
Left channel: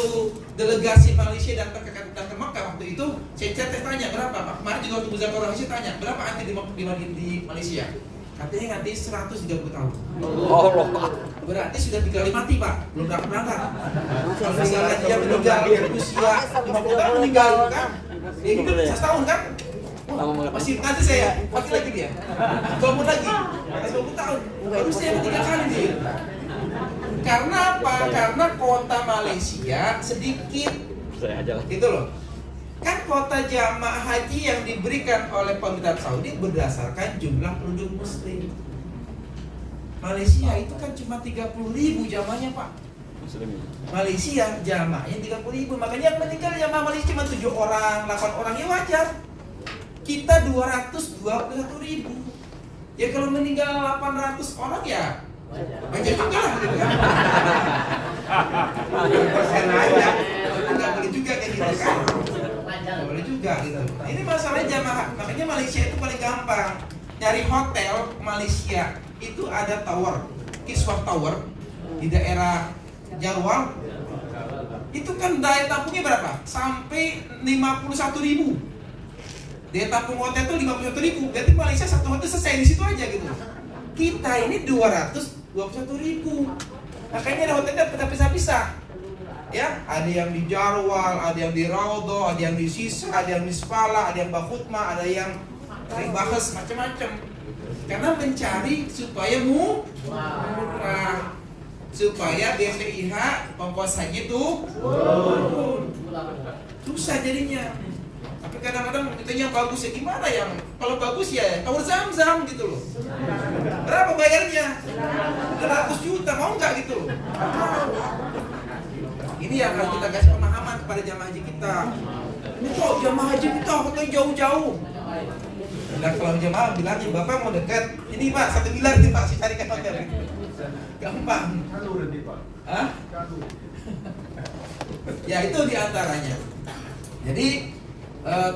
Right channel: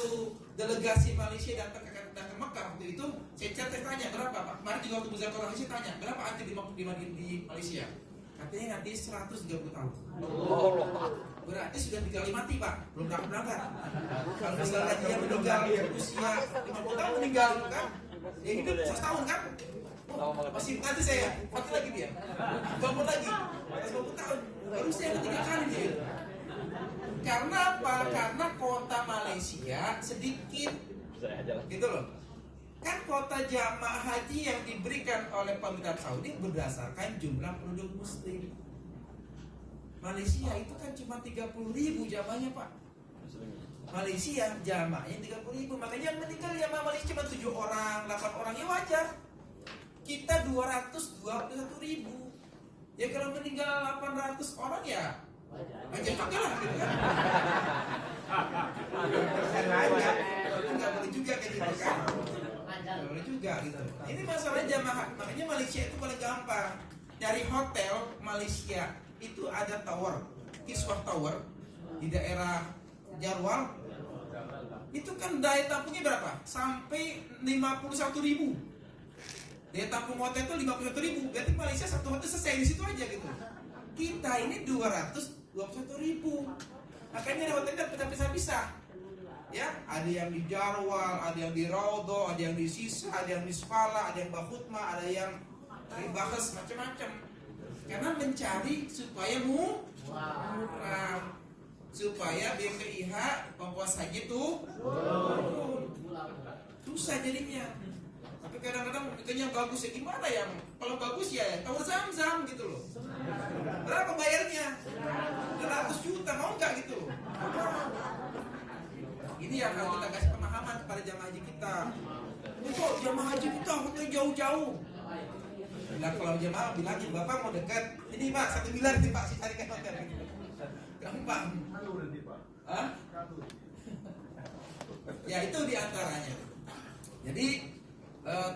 delegasi Malaysia datang ke Mekah waktu itu saya tanya berapa Pak? Kemarin juga waktu Buzar Malaysia tanya berapa antri di Malaysia? Katanya nganti 130 tahun. Berarti sudah 3 kali mati Pak, belum dapat berangkat. Kalau misalnya dia meninggal usia 50 tahun meninggal kan? Dia hidup 100 tahun kan? Masih nanti saya mati lagi dia. Bangun lagi. 20 tahun. Baru saya 3 kali dia. Karena apa? Karena kota Malaysia sedikit. Gitu loh. Kan kota jamaah haji yang diberikan oleh pemerintah Saudi berdasarkan jumlah penduduk muslim. Malaysia itu kan cuma 30.000 jamaahnya Pak. Malaysia jamaahnya 30.000. Makanya yang meninggal jamaah Malaysia cuma 7 orang, 8 orang, ya wajar. Kita 221.000. Ya kalau meninggal 800 orang ya wajar juga lah gitu kan. Persen aja. Nggak boleh juga kayak gitu kan. Nggak boleh juga gitu. Ini masalahnya jamaah. Makanya Malaysia itu paling gampang. Nyari hotel Malaysia itu ada tower, Kiswah Tower di daerah Jarwal. Itu kan daya tampungnya berapa? Sampai 51.000. Daya tampung hotel itu 51.000. Berarti Malaysia satu hotel selesai di situ aja gitu. Kita ini 221.000. Makanya ada hotelnya terpisah-pisah. Ya, ada yang di Jarwal, ada yang di Raudhah, ada yang di Sisa, ada yang di Spala, ada yang Bakhutma, ada yang Ribahas, macam-macam. Karena mencari supaya murah, supaya BPIH pengkuasanya itu susah jadinya. Tapi kadang-kadang kita yang bagus ya gimana yang kalau bagus ya Tower Zam-Zam gitu loh. Berapa bayarnya? 100 juta mau nggak gitu loh. Ini yang harus kita kasih pemahaman kepada jamaah haji kita. Ini kok jamaah haji kita hotel jauh-jauh. Nah kalau jamaah bilangnya Bapak mau dekat, ini Pak 1 miliar nih Pak saya carikan hotel. Gampang. Hah? Ya itu diantaranya. Jadi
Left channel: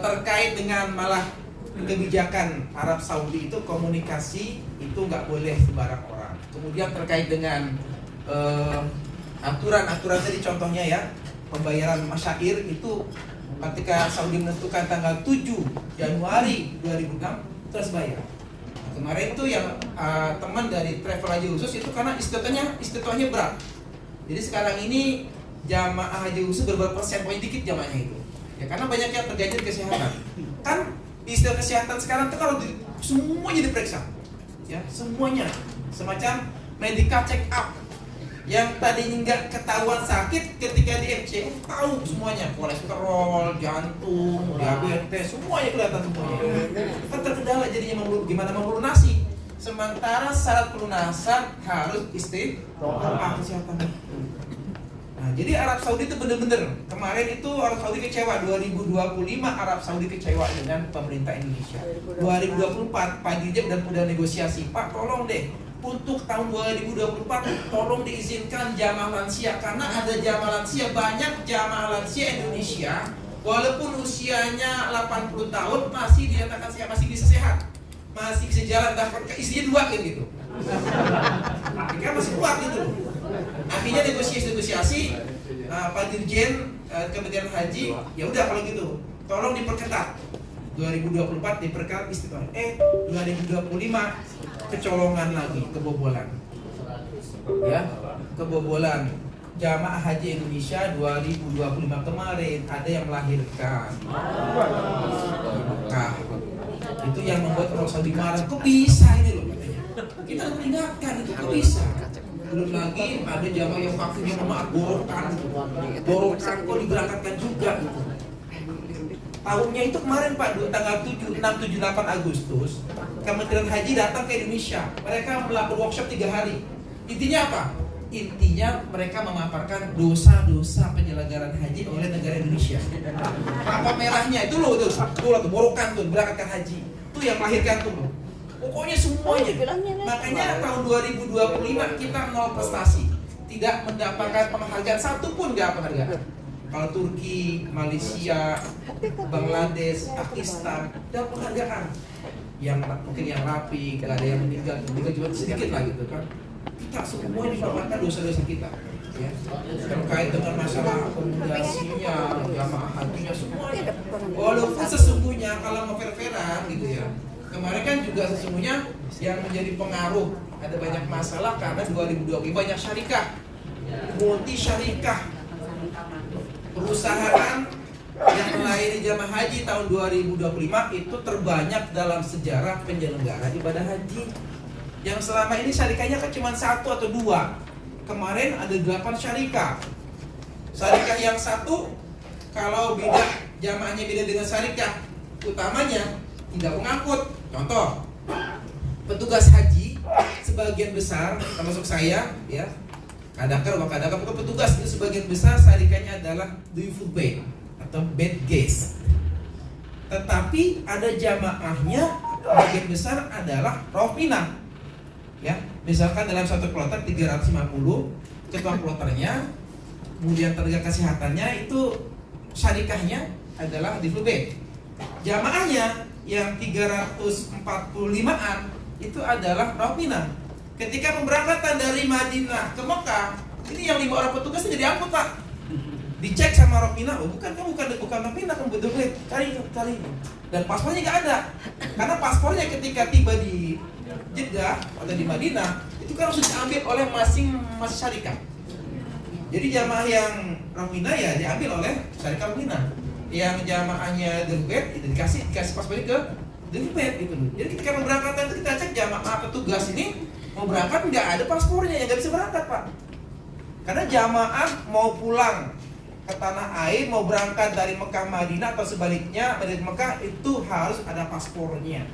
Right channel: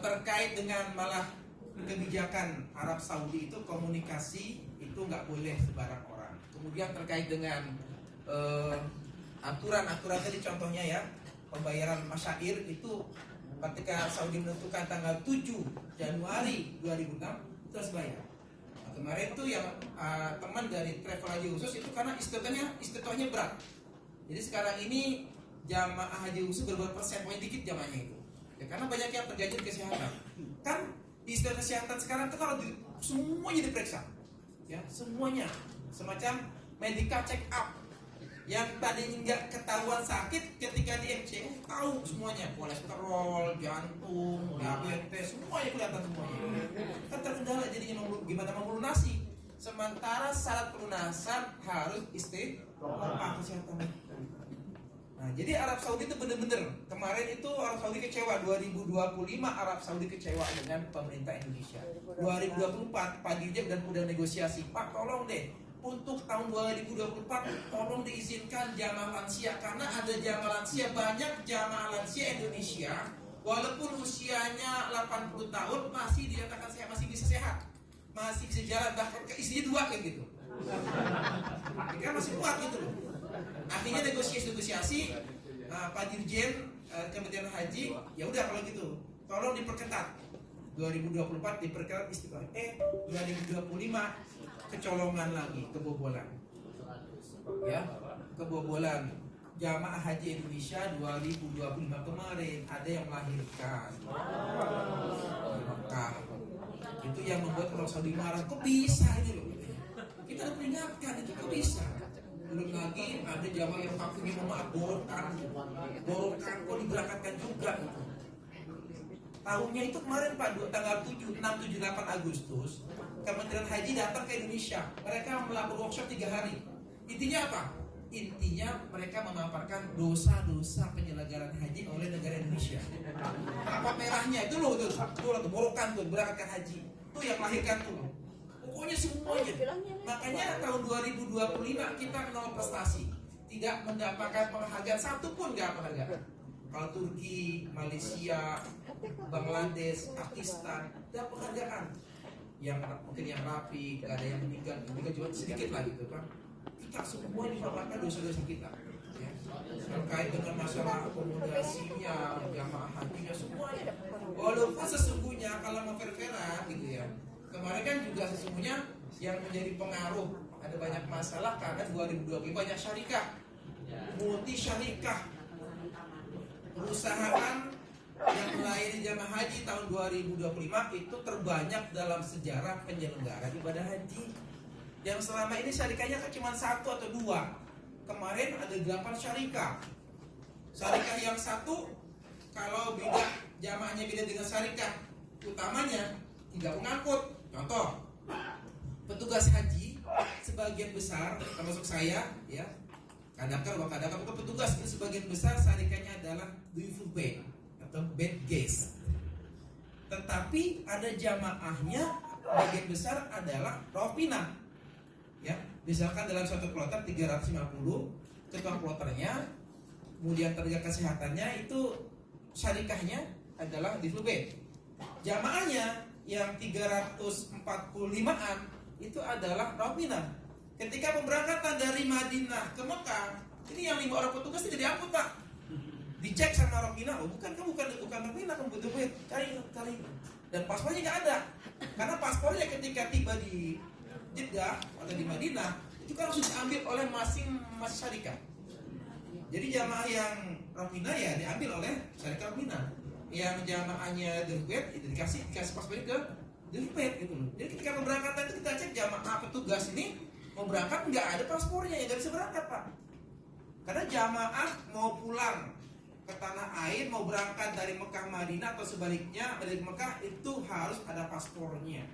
terkait dengan malah kebijakan Arab Saudi itu komunikasi itu nggak boleh sembarang orang. Kemudian terkait dengan aturan-aturan tadi contohnya ya pembayaran masyair itu ketika Saudi menentukan tanggal 7 Januari 2006 terus bayar. Nah, kemarin itu yang teman dari travel haji khusus itu karena istiqtohnya berat. Jadi sekarang ini jamaah haji khusus berapa persen poin dikit jamaahnya itu. Ya karena banyak yang terganjal kesehatan. Kan di istilah kesehatan sekarang itu kalau semuanya diperiksa. Ya, semuanya semacam medical check up. Yang tadinya nggak ketahuan sakit ketika di MC tahu semuanya, kolesterol, jantung, diabetes, semuanya kelihatan semuanya. Kan terkendala jadinya gimana melunasi. Sementara syarat pelunasan harus istiqomah kesehatan. Nah, jadi Arab Saudi itu benar-benar kemarin itu Arab Saudi kecewa 2025 Arab Saudi kecewa dengan pemerintah Indonesia. 2024 Pak Dirjen udah negosiasi, Pak tolong deh untuk tahun 2024 tolong diizinkan jamaah lansia, karena ada jamaah lansia, banyak jamaah lansia Indonesia walaupun usianya 80 tahun masih dinyatakan sehat, masih bisa sehat, masih bisa jalan, dapat isinya 2 kan gitu. Mereka masih kuat gitu loh. Akhirnya negosiasi Pak Dirjen Kementerian Haji, ya udah kalau gitu tolong diperketat 2024 diperketat istiqomah. 2025 kecolongan lagi, kebobolan. Ya, kebobolan. Jamaah Haji Indonesia 2025 kemarin ada yang melahirkan. Nah, itu yang membuat Arab Saudi marah. Kok bisa ini loh katanya. Kita harus peringatkan itu kok bisa. Belum lagi ada jamaah yang vaksinnya borongkan kok diberangkatkan juga gitu. Tahunnya itu kemarin Pak, tanggal 7, 6, 7, 8 Agustus Kementerian Haji datang ke Indonesia. Mereka melakukan workshop 3 hari. Intinya apa? Intinya mereka memaparkan dosa-dosa penyelenggaraan haji oleh negara Indonesia. Apa merahnya itu loh tuh borokan tuh berangkatkan haji. Itu yang melahirkan tuh. Pokoknya semuanya. Makanya tahun 2025 kita 0 prestasi. Tidak mendapatkan penghargaan satupun, nggak penghargaan. Kalau Turki, Malaysia, Bangladesh, Pakistan, dan penghargaan yang mungkin yang rapi, gak ada yang meninggal juga sedikit lah gitu kan. Kita semua dipaparkan dosa-dosa kita, ya. Terkait dengan masalah akomodasinya, jamaah hajinya semuanya. Walaupun sesungguhnya kalau mau fair-fairan gitu ya, kemarin kan juga sesungguhnya yang menjadi pengaruh ada banyak masalah karena 2020 banyak syarikah, multi syarikah. Perusahaan yang melayani jamaah haji tahun 2025 itu terbanyak dalam sejarah penyelenggara ibadah haji. Yang selama ini syarikahnya kan cuma 1 atau 2. Kemarin ada 8 syarikah. Syarikah yang 1 kalau beda jamaahnya beda dengan syarikah utamanya tidak mengangkut. Contoh, petugas haji sebagian besar termasuk saya ya, kadakar petugas itu sebagian besar syarikahnya adalah Duyuful Bait atau bed guest. Tetapi ada jamaahnya sebagian besar adalah Ropina. Ya, misalkan dalam satu kloter 350, ketua kloternya, kemudian tenaga kesehatannya itu syarikahnya adalah Duyuful Bait. Jamaahnya yang 345-an itu adalah Ropina. Ketika pemberangkatan dari Madinah ke Mekah, ini yang 5 orang petugas jadi angkut Pak. Dicek sama Ropina, oh bukan Ropina, kamu betul-betul cari. Dan paspornya nggak ada, karena paspornya ketika tiba di Jeddah atau di Madinah itu kan harus diambil oleh masing syarikah. Jadi jamaah yang Ropina ya diambil oleh syarikah Ropina. Yang jamaahnya Debet itu dikasih paspornya ke Debet gitu. Jadi ketika pemberangkatan itu kita cek jamaah petugas ini mau berangkat nggak ada paspornya, ya nggak bisa berangkat Pak. Karena jamaah mau pulang ke tanah air, mau berangkat dari Mekah Madinah atau sebaliknya dari Mekah itu harus ada paspornya.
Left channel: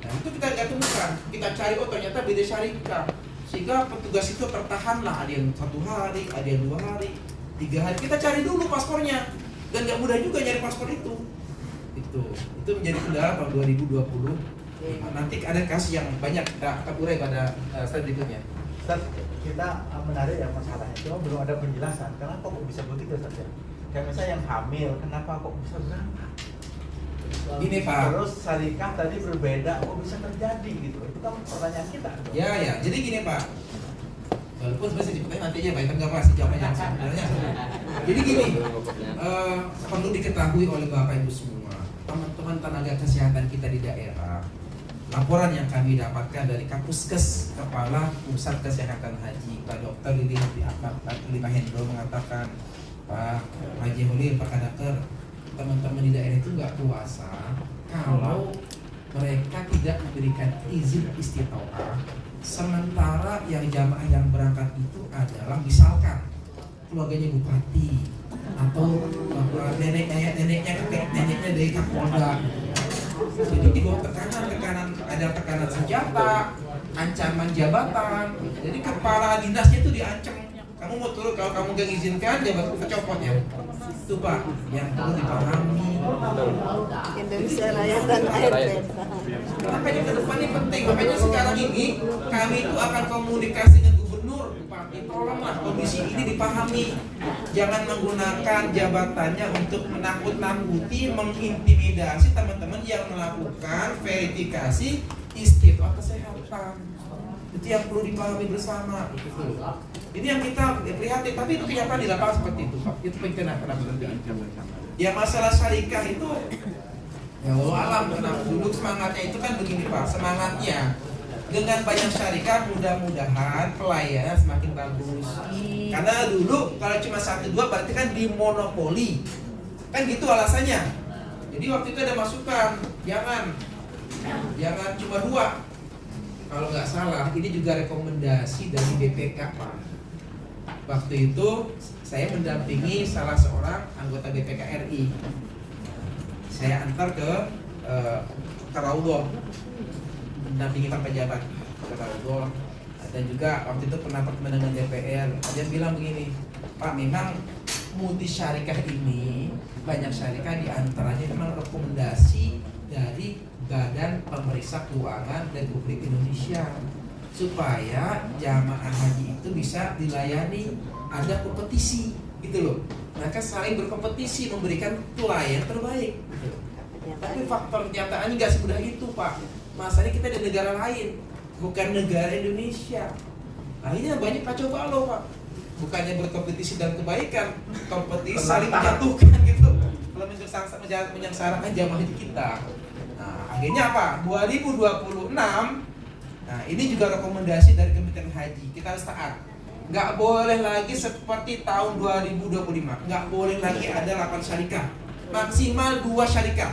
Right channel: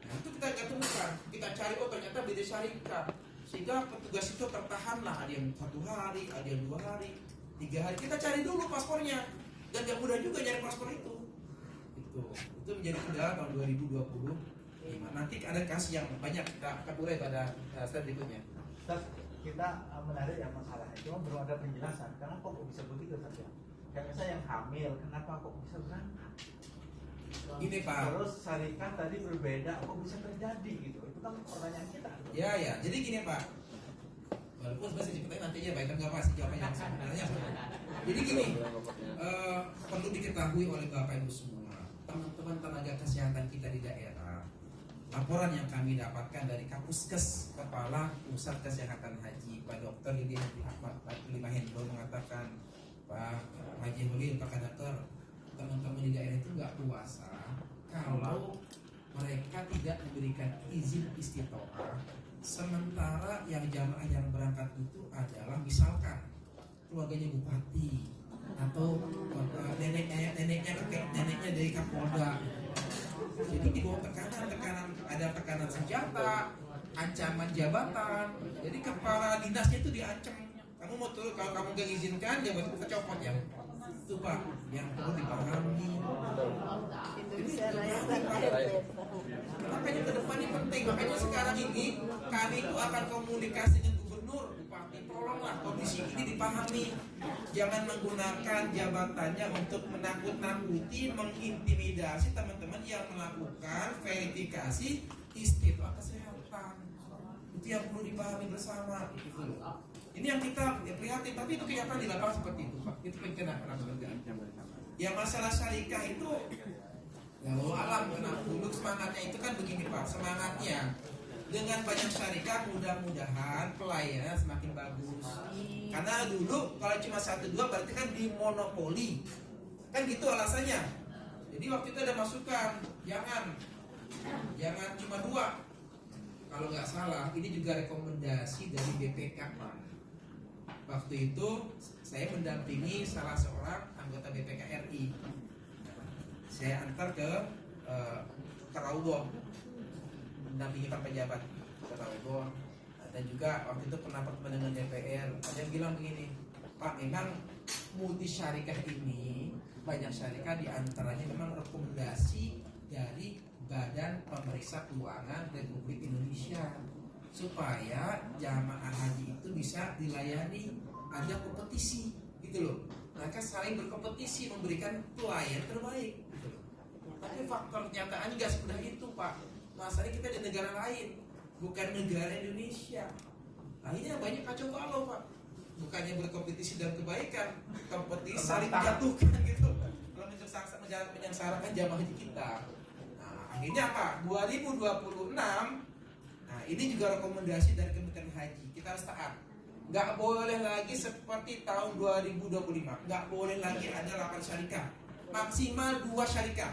Nah itu kita nggak temukan, kita cari ternyata beda syarikah, sehingga petugas itu tertahanlah, ada yang 1 hari, ada yang 2 hari, 3 hari. Kita cari dulu paspornya, dan nggak mudah juga nyari paspor itu menjadi kendala tahun 2020. Nanti ada kasus yang banyak kita akan urai pada slide berikutnya. Ustaz, kita menarik ya masalahnya, cuma belum ada penjelasan kenapa kok bisa begitu saja. Kayak misalnya yang hamil, kenapa kok bisa berangkat? Ini Pak. Terus syarikah tadi berbeda, kok bisa terjadi gitu? Itu kan pertanyaan kita. Ya, jadi gini Pak. Walaupun sebenarnya ceritanya nanti aja Pak, kita nggak pasti jawabannya sebenarnya. Jadi gini, perlu diketahui oleh Bapak Ibu semua, teman-teman tenaga kesehatan kita di daerah. Laporan yang kami dapatkan dari Kapuskes, Kepala Pusat Kesehatan Haji, Pak Dr. Lili Hendro mengatakan, Pak Haji Holil, Pak Kadaker, teman-teman di daerah itu nggak puasa kalau mereka tidak memberikan izin istitoah, sementara yang jamaah yang berangkat itu adalah misalkan keluarganya bupati atau neneknya dari Kapolda. Jadi di bawah tekanan ada tekanan senjata, ancaman jabatan. Jadi kepala dinasnya itu diancam. Kamu mau turun, kalau kamu gak izinkan jabatan kita copot ya. Itu Pak yang perlu dipahami. Itu Indonesia Raya dan ART. Makanya ke depan ini penting. Makanya sekarang ini kami itu akan komunikasi dengan gubernur, Bupati. Tolonglah kondisi ini dipahami. Jangan menggunakan jabatannya untuk menakut-nakuti, mengintimidasi teman-teman yang melakukan verifikasi istiqomah kesehatan. Itu yang perlu dipahami bersama. Ini yang kita prihatin, tapi itu kenyataan di lapangan seperti itu, Pak. Itu kenapa terjadi. Ya masalah syarikah itu, ya Allah alam, kenapa dulu semangatnya itu kan begini Pak, semangatnya dengan banyak syarikah mudah-mudahan pelayanan semakin bagus. Karena dulu kalau cuma 1-2 berarti kan dimonopoli, kan gitu alasannya. Jadi waktu itu ada masukan, jangan cuma 2. Kalau nggak salah, ini juga rekomendasi dari BPK Pak. Waktu itu saya mendampingi salah seorang anggota BPK RI. Saya antar ke Raudhah, mendampingi Pak pejabat ke Raudhah. Dan juga waktu itu pernah bertemu dengan DPR. Dia bilang begini, Pak, memang multi syarikah ini banyak syarikah diantaranya memang rekomendasi dari Badan Pemeriksa Keuangan Republik Indonesia supaya jamaah haji itu bisa dilayani, ada kompetisi gitu loh. Mereka saling berkompetisi memberikan pelayanan terbaik gitu. Tapi faktor kenyataannya nggak semudah itu Pak. Masalahnya kita di negara lain, bukan negara Indonesia. Akhirnya banyak kacau balau Pak. Bukannya berkompetisi dan kebaikan, kompetisi saling menjatuhkan gitu. Kalau menyengsarakan jamaah haji kita. Akhirnya apa? 2026. Nah, ini juga rekomendasi dari Kementerian Haji. Kita harus taat. Nggak boleh lagi seperti tahun 2025. Nggak boleh lagi ada 8 syarikah. Maksimal 2 syarikah.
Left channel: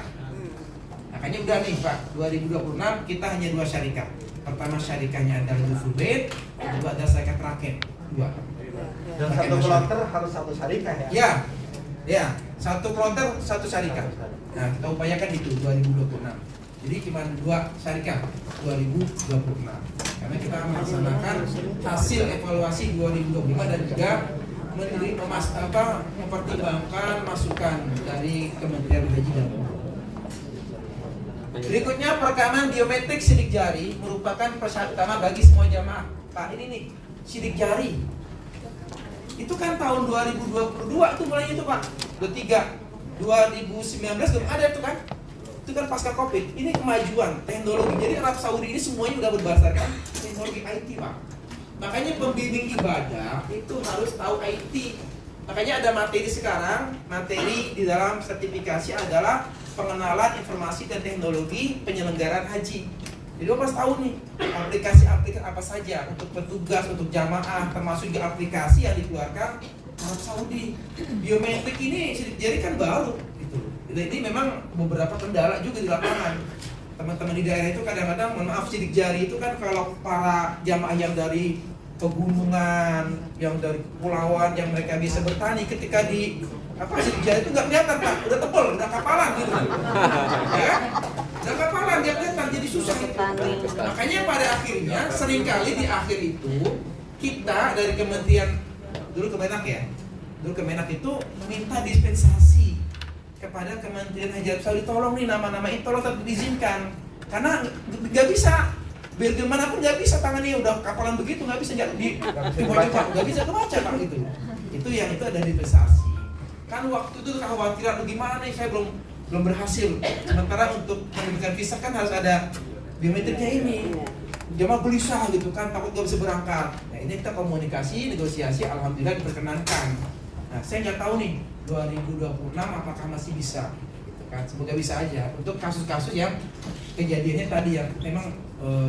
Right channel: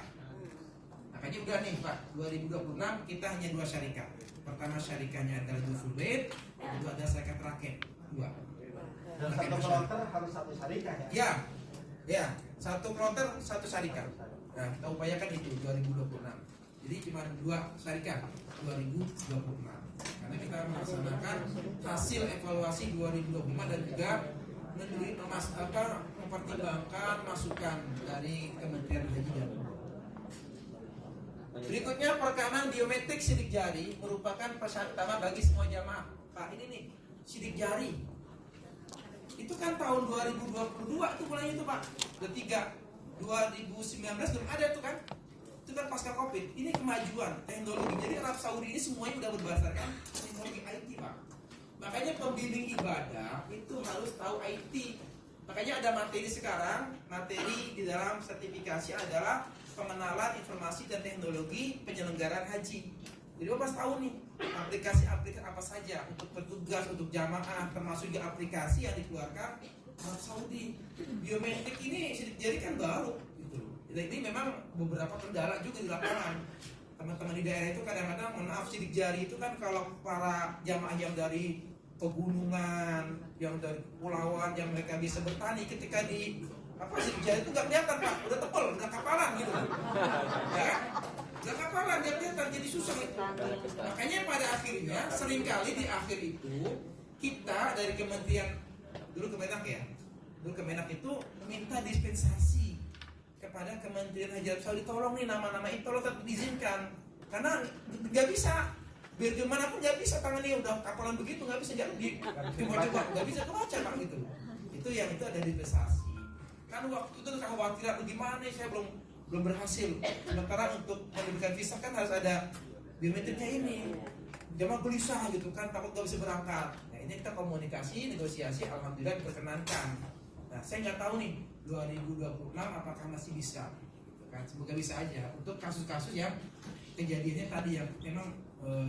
Makanya udah nih Pak, 2026 kita hanya 2 syarikah. Pertama syarikahnya adalah Duful Bait, kedua adalah syarikah rakyat. 2. Dan satu kloter harus 1 syarikah ya? Ya, 1 kloter 1 syarikah. Nah, kita upayakan itu 2026. Jadi cuma 2 syarikah 2026. Karena kita melaksanakan hasil evaluasi 2025 dan juga mempertimbangkan masukan dari Kementerian Haji dan Umroh. Berikutnya perekaman biometrik sidik jari merupakan persyarat utama bagi semua jamaah. Pak, ini nih sidik jari. Itu kan tahun 2022 itu mulainya itu Pak. 2019 belum ada itu kan? Itu kan pasca Covid. Ini kemajuan teknologi. Jadi Arab Saudi ini semuanya udah berdasarkan teknologi IT Pak. Makanya pembimbing ibadah itu harus tahu IT. Makanya ada materi sekarang, materi di dalam sertifikasi adalah pengenalan informasi dan teknologi penyelenggaraan haji. Jadi harus tahu nih aplikasi-aplikasi apa saja untuk petugas, untuk jamaah, termasuk juga aplikasi yang dikeluarkan Arab Saudi. Biometrik ini sidik jari kan baru gitu. Jadi memang beberapa kendala juga di lapangan. Teman-teman di daerah itu kadang-kadang, mohon maaf, sidik jari itu kan kalau para jamaah yang dari pegunungan, yang dari kepulauan, yang mereka bisa bertani, ketika di sidik jari itu nggak kelihatan Pak, udah tebel, udah kapalan gitu. Ya, udah kapalan, dia kelihatan, jadi susah gitu. Makanya pada akhirnya seringkali di akhir itu kita dari Kementerian dulu Kemenak itu minta dispensasi kepada Kementerian Haji Arab Saudi, tolong nih nama-nama itu tolong tetap diizinkan karena nggak bisa, biar gimana pun nggak bisa, tangannya udah kapalan begitu nggak bisa dibaca, nggak bisa kebaca Pak gitu. Itu yang itu ada dispensasi. Kan waktu itu kekhawatiran gimana nih, saya belum berhasil. Sementara untuk menerbitkan visa kan harus ada biometriknya ini. Jamaah gelisah gitu kan, takut gak bisa berangkat. Nah ini kita komunikasi, negosiasi, alhamdulillah diperkenankan. Nah saya nggak tahu nih 2026 apakah masih bisa gitu kan. Semoga bisa aja untuk kasus-kasus yang kejadiannya tadi yang memang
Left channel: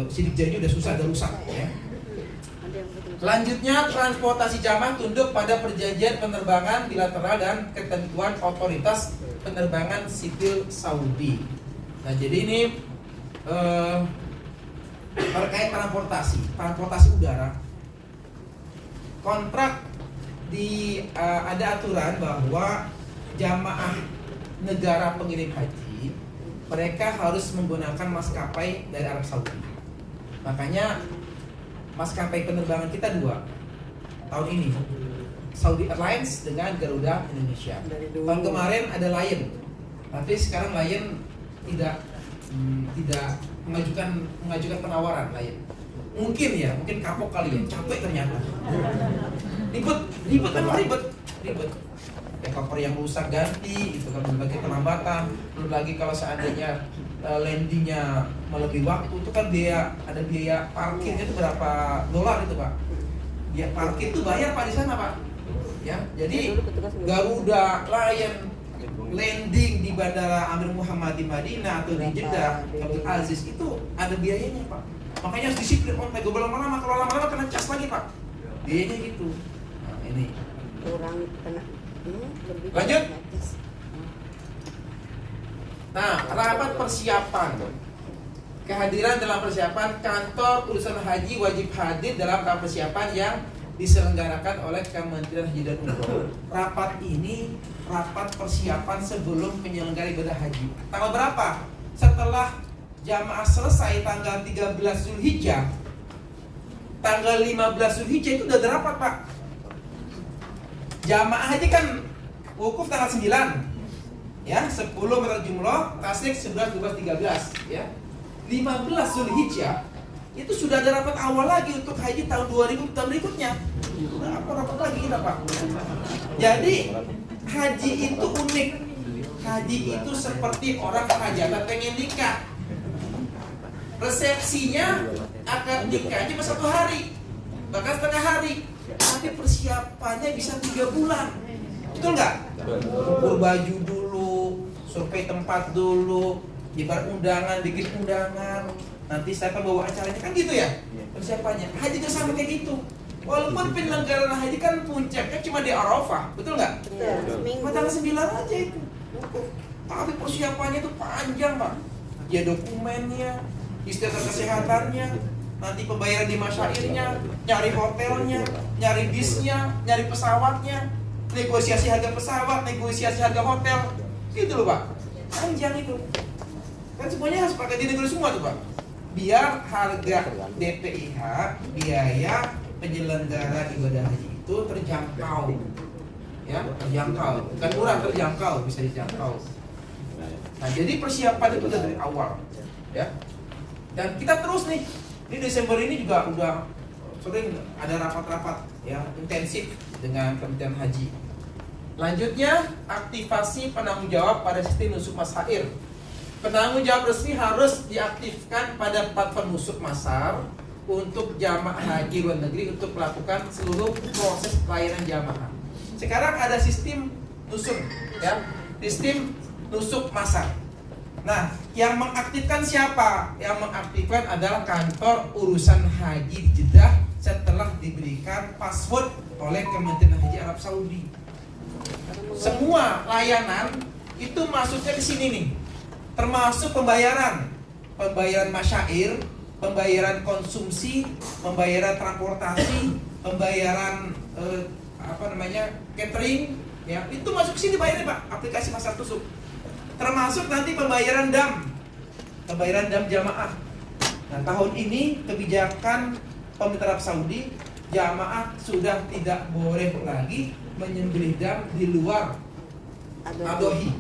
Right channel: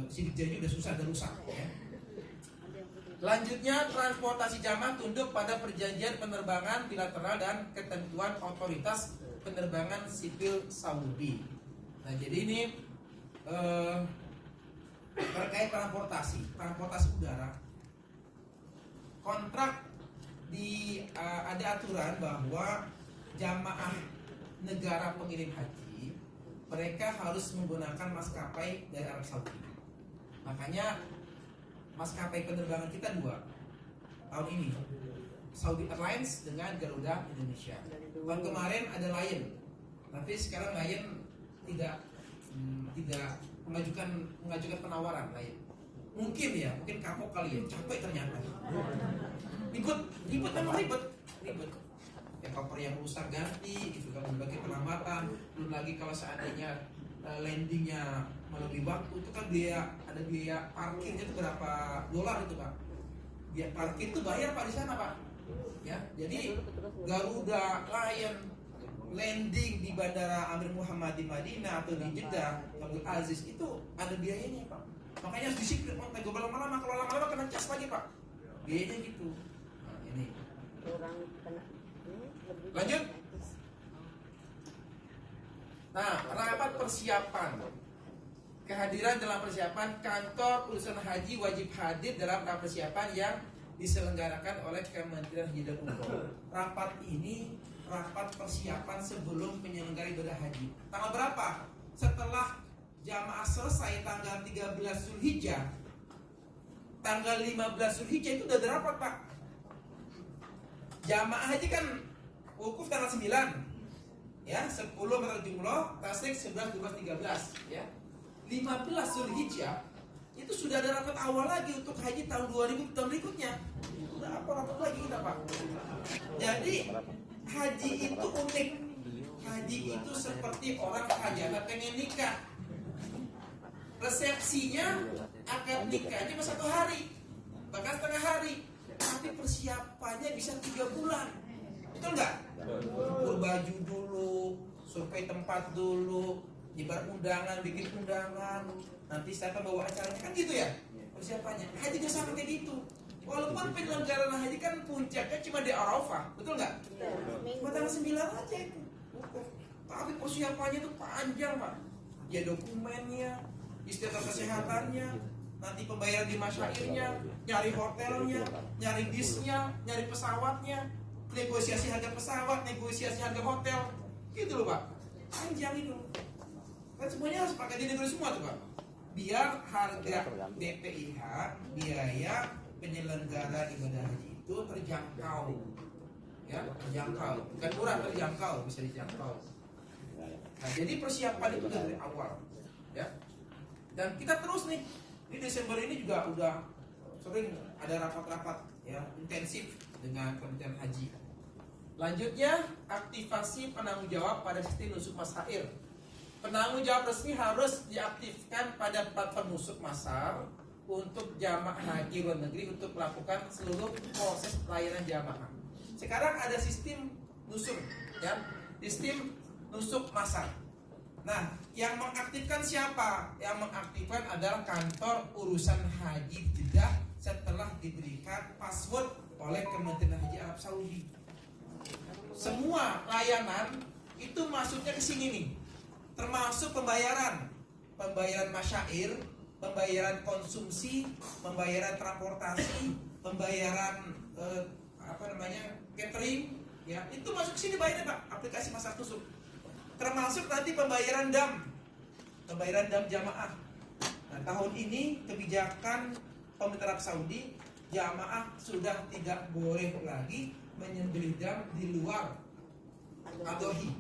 sidik jari udah susah, udah rusak ya. Selanjutnya transportasi jamaah tunduk pada perjanjian penerbangan bilateral dan ketentuan otoritas penerbangan sipil Saudi. Nah jadi ini terkait transportasi udara, kontrak ada aturan bahwa jamaah negara pengirim haji mereka harus menggunakan maskapai dari Arab Saudi. Makanya maskapai penerbangan kita 2 tahun ini, Saudi Airlines dengan Garuda Indonesia. Tahun kemarin ada Lion, tapi sekarang Lion tidak mengajukan penawaran lain. Mungkin kapok kali ya, capek ternyata. Ribet memang ribet. Ya koper yang rusak ganti, itu kan belum lagi penambatan, belum lagi kalau seandainya landingnya melebihi waktu itu kan ada biaya parkirnya itu berapa dolar itu Pak? Biaya parkir itu bayar Pak di sana Pak. Ya, jadi Garuda Lion landing di Bandara Amir Muhammad di Madinah atau di Jeddah Abdul Aziz itu ada biayanya Pak. Makanya harus disiplin, nego lama-lama, kalau lama-lama kena cas lagi Pak. Biayanya gitu. Nah, ini. Kurang kena. Lanjut. Nah, rapat persiapan. Kehadiran dalam persiapan kantor urusan haji wajib hadir dalam rapat persiapan yang diselenggarakan oleh Kementerian Haji dan Umroh. Rapat ini rapat persiapan sebelum penyelenggaraan ibadah haji. Tanggal berapa? Setelah jamaah selesai tanggal 13 Zulhijjah, tanggal 15 Zulhijjah itu udah ada rapat Pak. Jamaah haji kan wukuf tanggal 9 ya, 10 berangkat jumroh, tasik 11, 12, 13 ya. 15 Zulhijjah itu sudah ada rapat awal lagi untuk haji tahun 2000 tahun berikutnya. Udah apa rapat lagi kita Pak. Jadi haji itu unik. Haji itu seperti orang hajatan pengen nikah. Resepsinya akad nikahnya cuma 1 hari, bahkan setengah hari. Tapi persiapannya bisa 3 bulan. Betul nggak? Ukur baju dulu, survei tempat dulu, nyebar undangan, bikin undangan. Nanti siapa bawa acaranya, kan gitu ya persiapannya. Haji itu sama kayak gitu. Walaupun penyelenggaraan haji kan puncaknya cuma di Arafah, betul nggak? Cuma tanggal 9 aja itu. Tapi persiapannya itu panjang Pak. Ya dokumennya, istilah kesehatannya, nanti pembayaran di masyairnya, nyari hotelnya, nyari bisnya, nyari pesawatnya, negosiasi harga pesawat, negosiasi harga hotel, gitu loh Pak. Panjang itu. Kan semuanya harus pakai dinegosiasi semua tuh Pak. Biar harga DPIH, biaya penyelenggara ibadah haji itu terjangkau. Ya, terjangkau. Bukan murah, terjangkau, bisa dijangkau. Nah, jadi persiapan itu udah dari awal. Ya. Dan kita terus nih. Ini Desember ini juga udah sering ada rapat-rapat ya intensif dengan Kementerian Haji. Lanjutnya, aktivasi penanggung jawab pada sistem nusuk masyair. Penanggung jawab resmi harus diaktifkan pada platform nusuk masar untuk jamaah haji luar negeri untuk melakukan seluruh proses pelayanan jamaah. Sekarang ada sistem nusuk ya, sistem nusuk masar. Nah, yang mengaktifkan siapa? Yang mengaktifkan adalah kantor urusan haji di Jeddah setelah diberikan password oleh Kementerian Haji Arab Saudi. Semua layanan itu masuknya di sini nih, termasuk pembayaran masyair, pembayaran konsumsi, pembayaran transportasi, pembayaran catering, ya itu masuk ke sini bayarnya Pak, aplikasi Masar Tusuk. Termasuk nanti pembayaran dam jamaah. Nah, tahun ini kebijakan pemerintah Arab Saudi, jamaah sudah tidak boleh lagi menyembelih dam di luar Adhohi.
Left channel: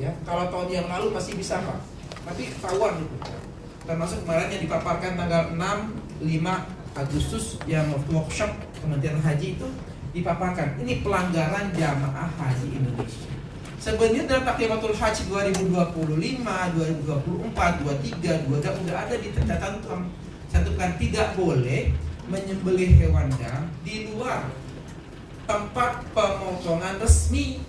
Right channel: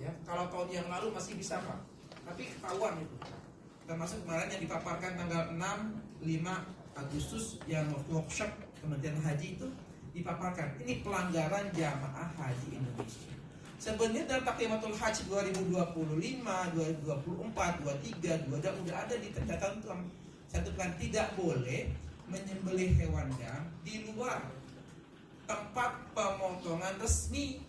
Ya, kalau tahun yang lalu masih bisa Pak, tapi ketahuan itu. Termasuk kemarin yang dipaparkan tanggal 6-5 Agustus yang workshop Kementerian Haji itu dipaparkan. Ini pelanggaran jamaah haji Indonesia. Sebenarnya dalam Taklimatul Haji 2025, 2024, 23, 22 udah ada di tentukan tidak boleh menyembelih hewan dam di luar tempat pemotongan resmi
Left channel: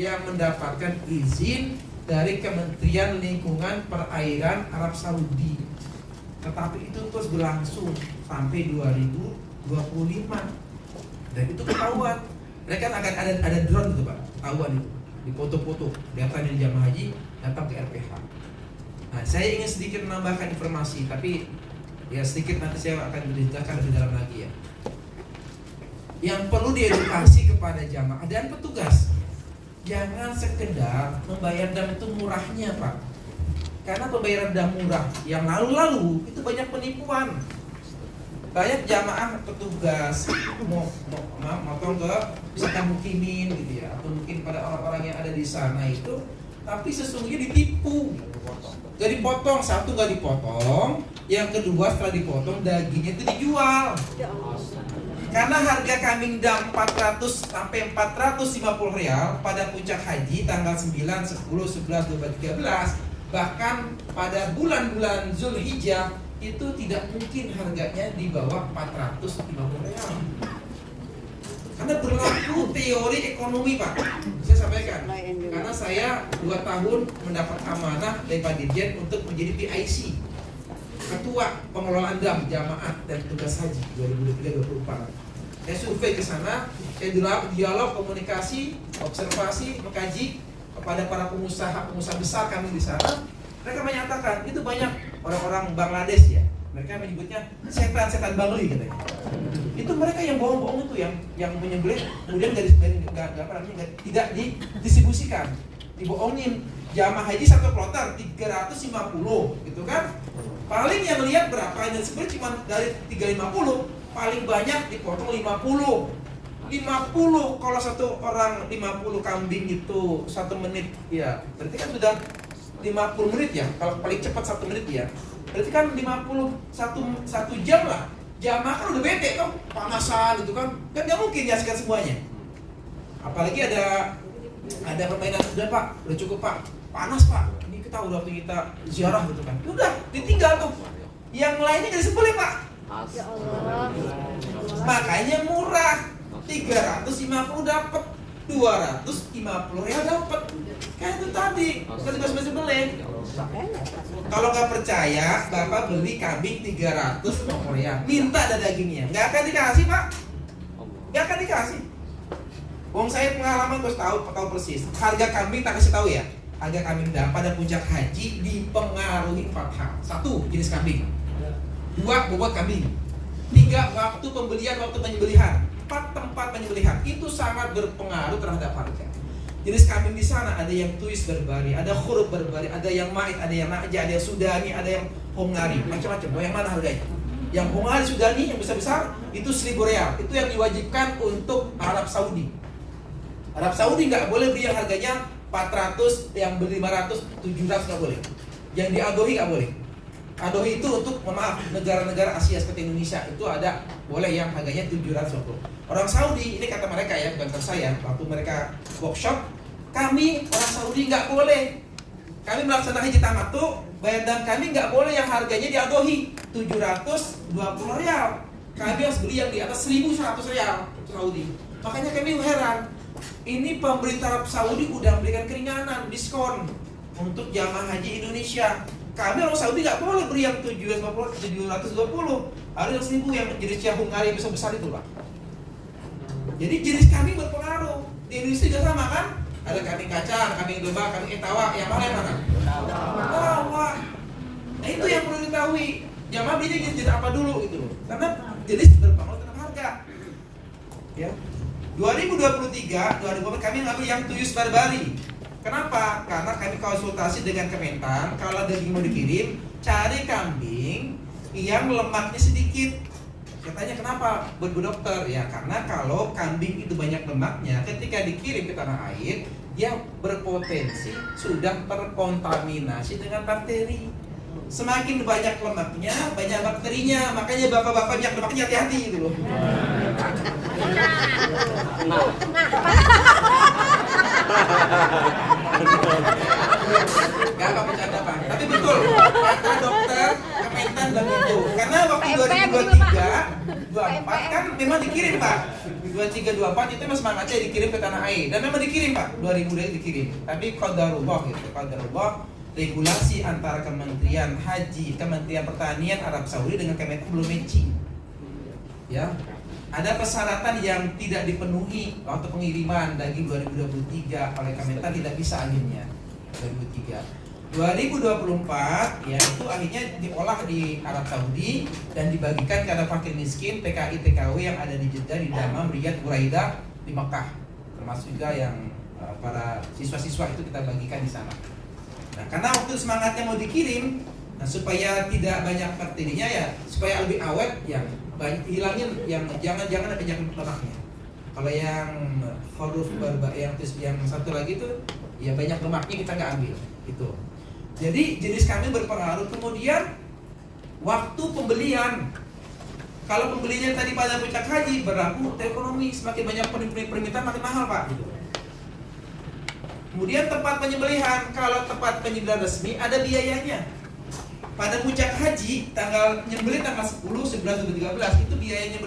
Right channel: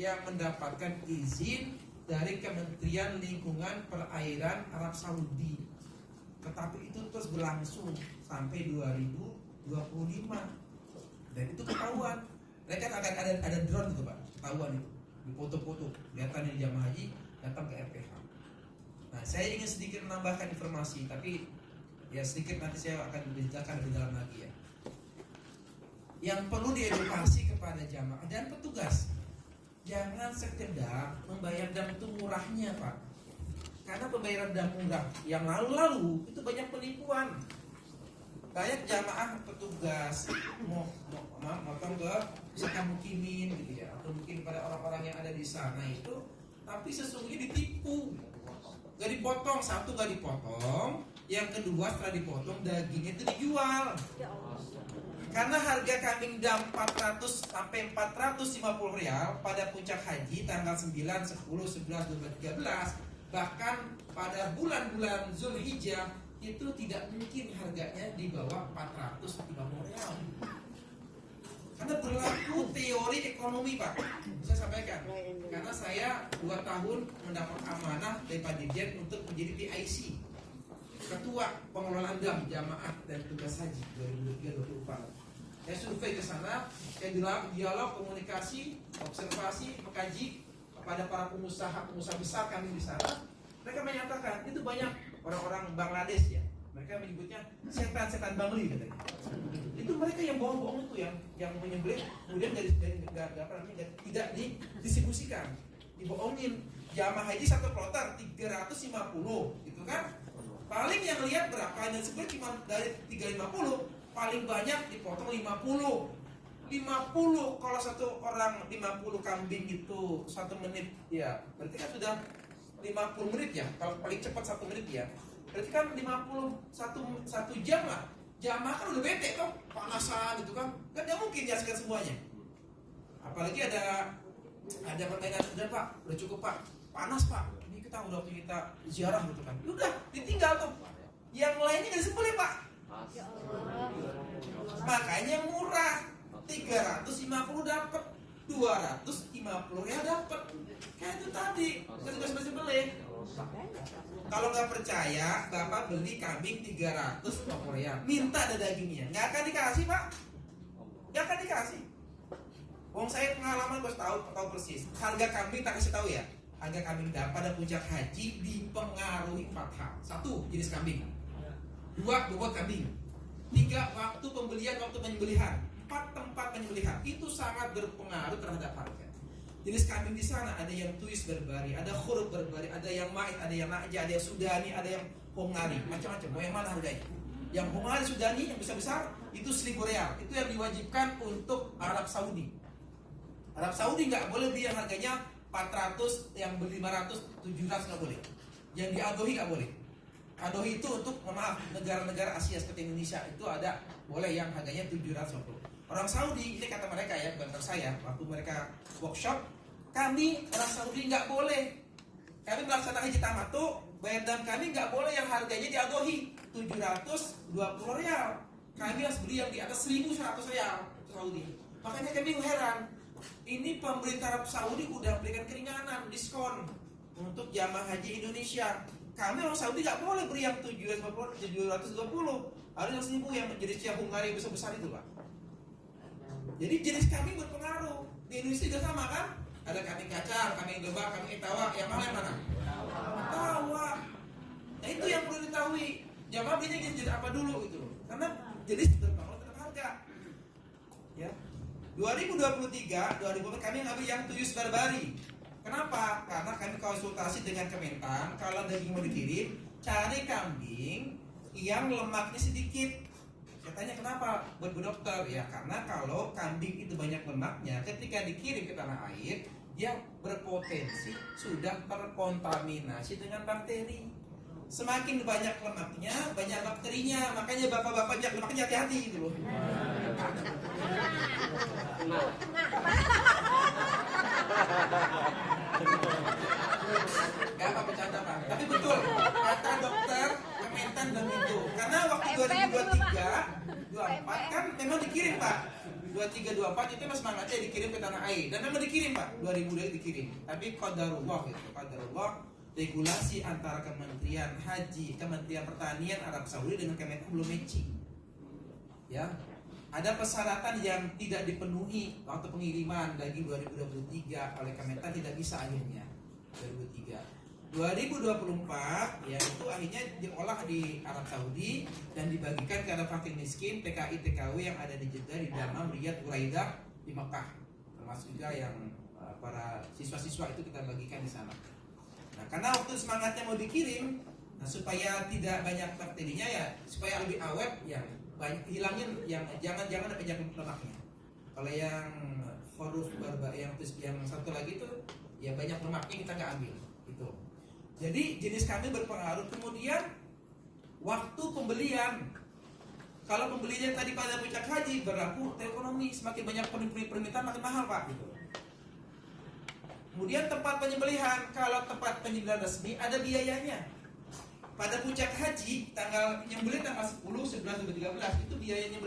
yang mendapatkan izin dari Kementerian Lingkungan Perairan Arab Saudi. Tetapi itu terus berlangsung sampai 2025 dan itu ketahuan. Mereka akan ada drone itu Pak, ketahuan itu. Di foto-foto datanya di jamaah haji datang ke RPH. Nah, saya ingin sedikit menambahkan informasi, tapi ya sedikit nanti saya akan menjelaskan lebih dalam lagi ya. Yang perlu diedukasi kepada jamaah dan petugas, jangan sekedar membayar dam itu murahnya Pak. Karena pembayaran dam murah yang lalu-lalu itu banyak penipuan. Banyak jamaah petugas motong ke misalkan mukimin gitu ya, atau mungkin pada orang-orang yang ada di sana itu tapi sesungguhnya ditipu. Gak dipotong, satu gak dipotong, yang kedua setelah dipotong dagingnya itu dijual. Ya Allah. Karena harga kambing dam 400 sampai 450 real pada puncak haji tanggal 9, 10, 11, 12, 13, bahkan pada bulan-bulan Zulhijjah itu tidak mungkin harganya di bawah 450 real. Karena berlaku teori ekonomi, Pak. Saya sampaikan. Karena saya 2 tahun mendapat amanah dari Pak Dirjen untuk menjadi PIC, Ketua Pengelolaan Dam Jamaah dan Tugas Haji 2023-2024. Saya survei ke sana, saya dialog, komunikasi, observasi, mengkaji kepada para pengusaha besar kami di sana. Mereka menyatakan itu banyak orang-orang Bangladesh ya. Mereka menyebutnya setan-setan Bangli katanya. Itu mereka yang bohong-bohong itu yang menyembelih kemudian tidak didistribusikan, dibohongin. Jamaah haji satu kloter 350 gitu kan. Paling yang lihat berapa yang disebut cuma dari 350, paling banyak dipotong 50. 50 kalau satu orang 50 kambing itu 1 menit ya, berarti kan sudah 50 menit ya. Kalau paling cepat 1 menit ya. Berarti kan 1 jam lah. Jamaah kan udah bete kan, panasan gitu kan. Kan nggak mungkin nyaksikan semuanya. Apalagi ada permainan, udah Pak, udah cukup Pak. Panas Pak. Ini kita udah waktu kita ziarah gitu kan. Udah ditinggal tuh. Yang lainnya jadi sebelum Pak. Ya Allah. Makanya murah. 350 dapat, 250 real dapat. Kayak itu tadi, masih beli. Kalau nggak percaya, Bapak beli kambing 350 real, minta ada dagingnya, nggak akan dikasih Pak, nggak akan dikasih. Wong saya pengalaman terus tahu persis. Harga kambing tak kasih tahu ya. Harga kambing pada puncak haji dipengaruhi 4 hal. 1, jenis kambing. 2, bobot kambing. 3, waktu pembelian, waktu penyembelihan. 4, tempat penyembelihan. Itu sangat berpengaruh terhadap harga. Jenis kambing di sana ada yang tuis berbari, ada huruf berbari, ada yang mait, ada yang naja, ada yang sudani, ada yang hongari, macam-macam. Mau yang mana harganya? Yang hongari sudani yang besar-besar itu 1.000 real. Itu yang diwajibkan untuk Arab Saudi. Arab Saudi nggak boleh beli yang harganya 400, yang beli 500, 700 nggak boleh. Yang di Adohi nggak boleh. Adohi itu untuk, maaf, negara-negara Asia seperti Indonesia itu ada boleh yang harganya 700. Orang Saudi, ini kata mereka ya, bukan kata saya, waktu mereka workshop, kami orang Saudi nggak boleh. Kami melaksanakan haji tamattu, dan kami nggak boleh yang harganya di Adohi 720 real. Kami harus beli yang di atas 1.100 real Saudi. Makanya kami heran. Ini pemerintah Arab Saudi udah memberikan keringanan, diskon untuk jamaah haji Indonesia. Kami orang Saudi nggak boleh beri yang 720, harus 1.000 yang jenis Hungari yang besar-besar itu Pak. Jadi jenis kambing berpengaruh. Di Indonesia juga sama kan? Ada kambing kacang, kambing domba, kambing etawa, yang mana? Etawa. Nah itu yang perlu diketahui. Jamaah belinya jenis apa dulu gitu. Karena jenis berpengaruh terhadap harga. Ya. 2023 kami ngambil yang tuyus barbari. Kenapa? Karena kami konsultasi dengan Kementan, kalau daging mau dikirim, cari kambing yang lemaknya sedikit. Saya tanya kenapa? Buat Bu Dokter, ya karena kalau kambing itu banyak lemaknya, ketika dikirim ke tanah air, dia berpotensi sudah terkontaminasi dengan bakteri. Semakin banyak lemaknya, banyak bakterinya. Makanya bapak-bapak banyak lemaknya hati-hati gitu loh. Gak bercanda Pak, tapi betul. Kata dokter Kementan dan itu. Karena waktu 2023-24 kan memang dikirim Pak. 23-24 itu memang semangatnya dikirim ke tanah air. Dan memang dikirim Pak, 2000 dikirim. Tapi qadarullah gitu, qadarullah. Regulasi antara Kementerian Haji, Kementerian Pertanian Arab Saudi dengan Kementan belum matching. Ya. Ada persyaratan yang tidak dipenuhi waktu pengiriman daging 2023 oleh Kementan, tidak bisa akhirnya 2024 ya itu akhirnya diolah di Arab Saudi dan dibagikan kepada fakir miskin PKI TKW yang ada di Jeddah, di Dammam, Riyadh, Buraidah, di Mekah, termasuk juga yang para siswa-siswa itu kita bagikan di sana. Nah, karena waktu semangatnya mau dikirim, nah supaya tidak banyak bakterinya ya, supaya lebih awet ya, hilangin yang jangan ada penyakit lemaknya. Kalau yang huruf barba yang satu lagi itu ya banyak lemaknya kita nggak ambil gitu. Jadi jenis kambing berpengaruh. Kemudian waktu pembelian, kalau pembelinya tadi pada puncak haji berlaku ekonomi, semakin banyak permintaan makin mahal Pak gitu. Kemudian tempat penyembelihan, kalau tempat penyembelihan resmi ada biayanya. Pada puncak haji tanggal nyembelih tanggal 10, 11, 12, 13 itu biaya nyembelihnya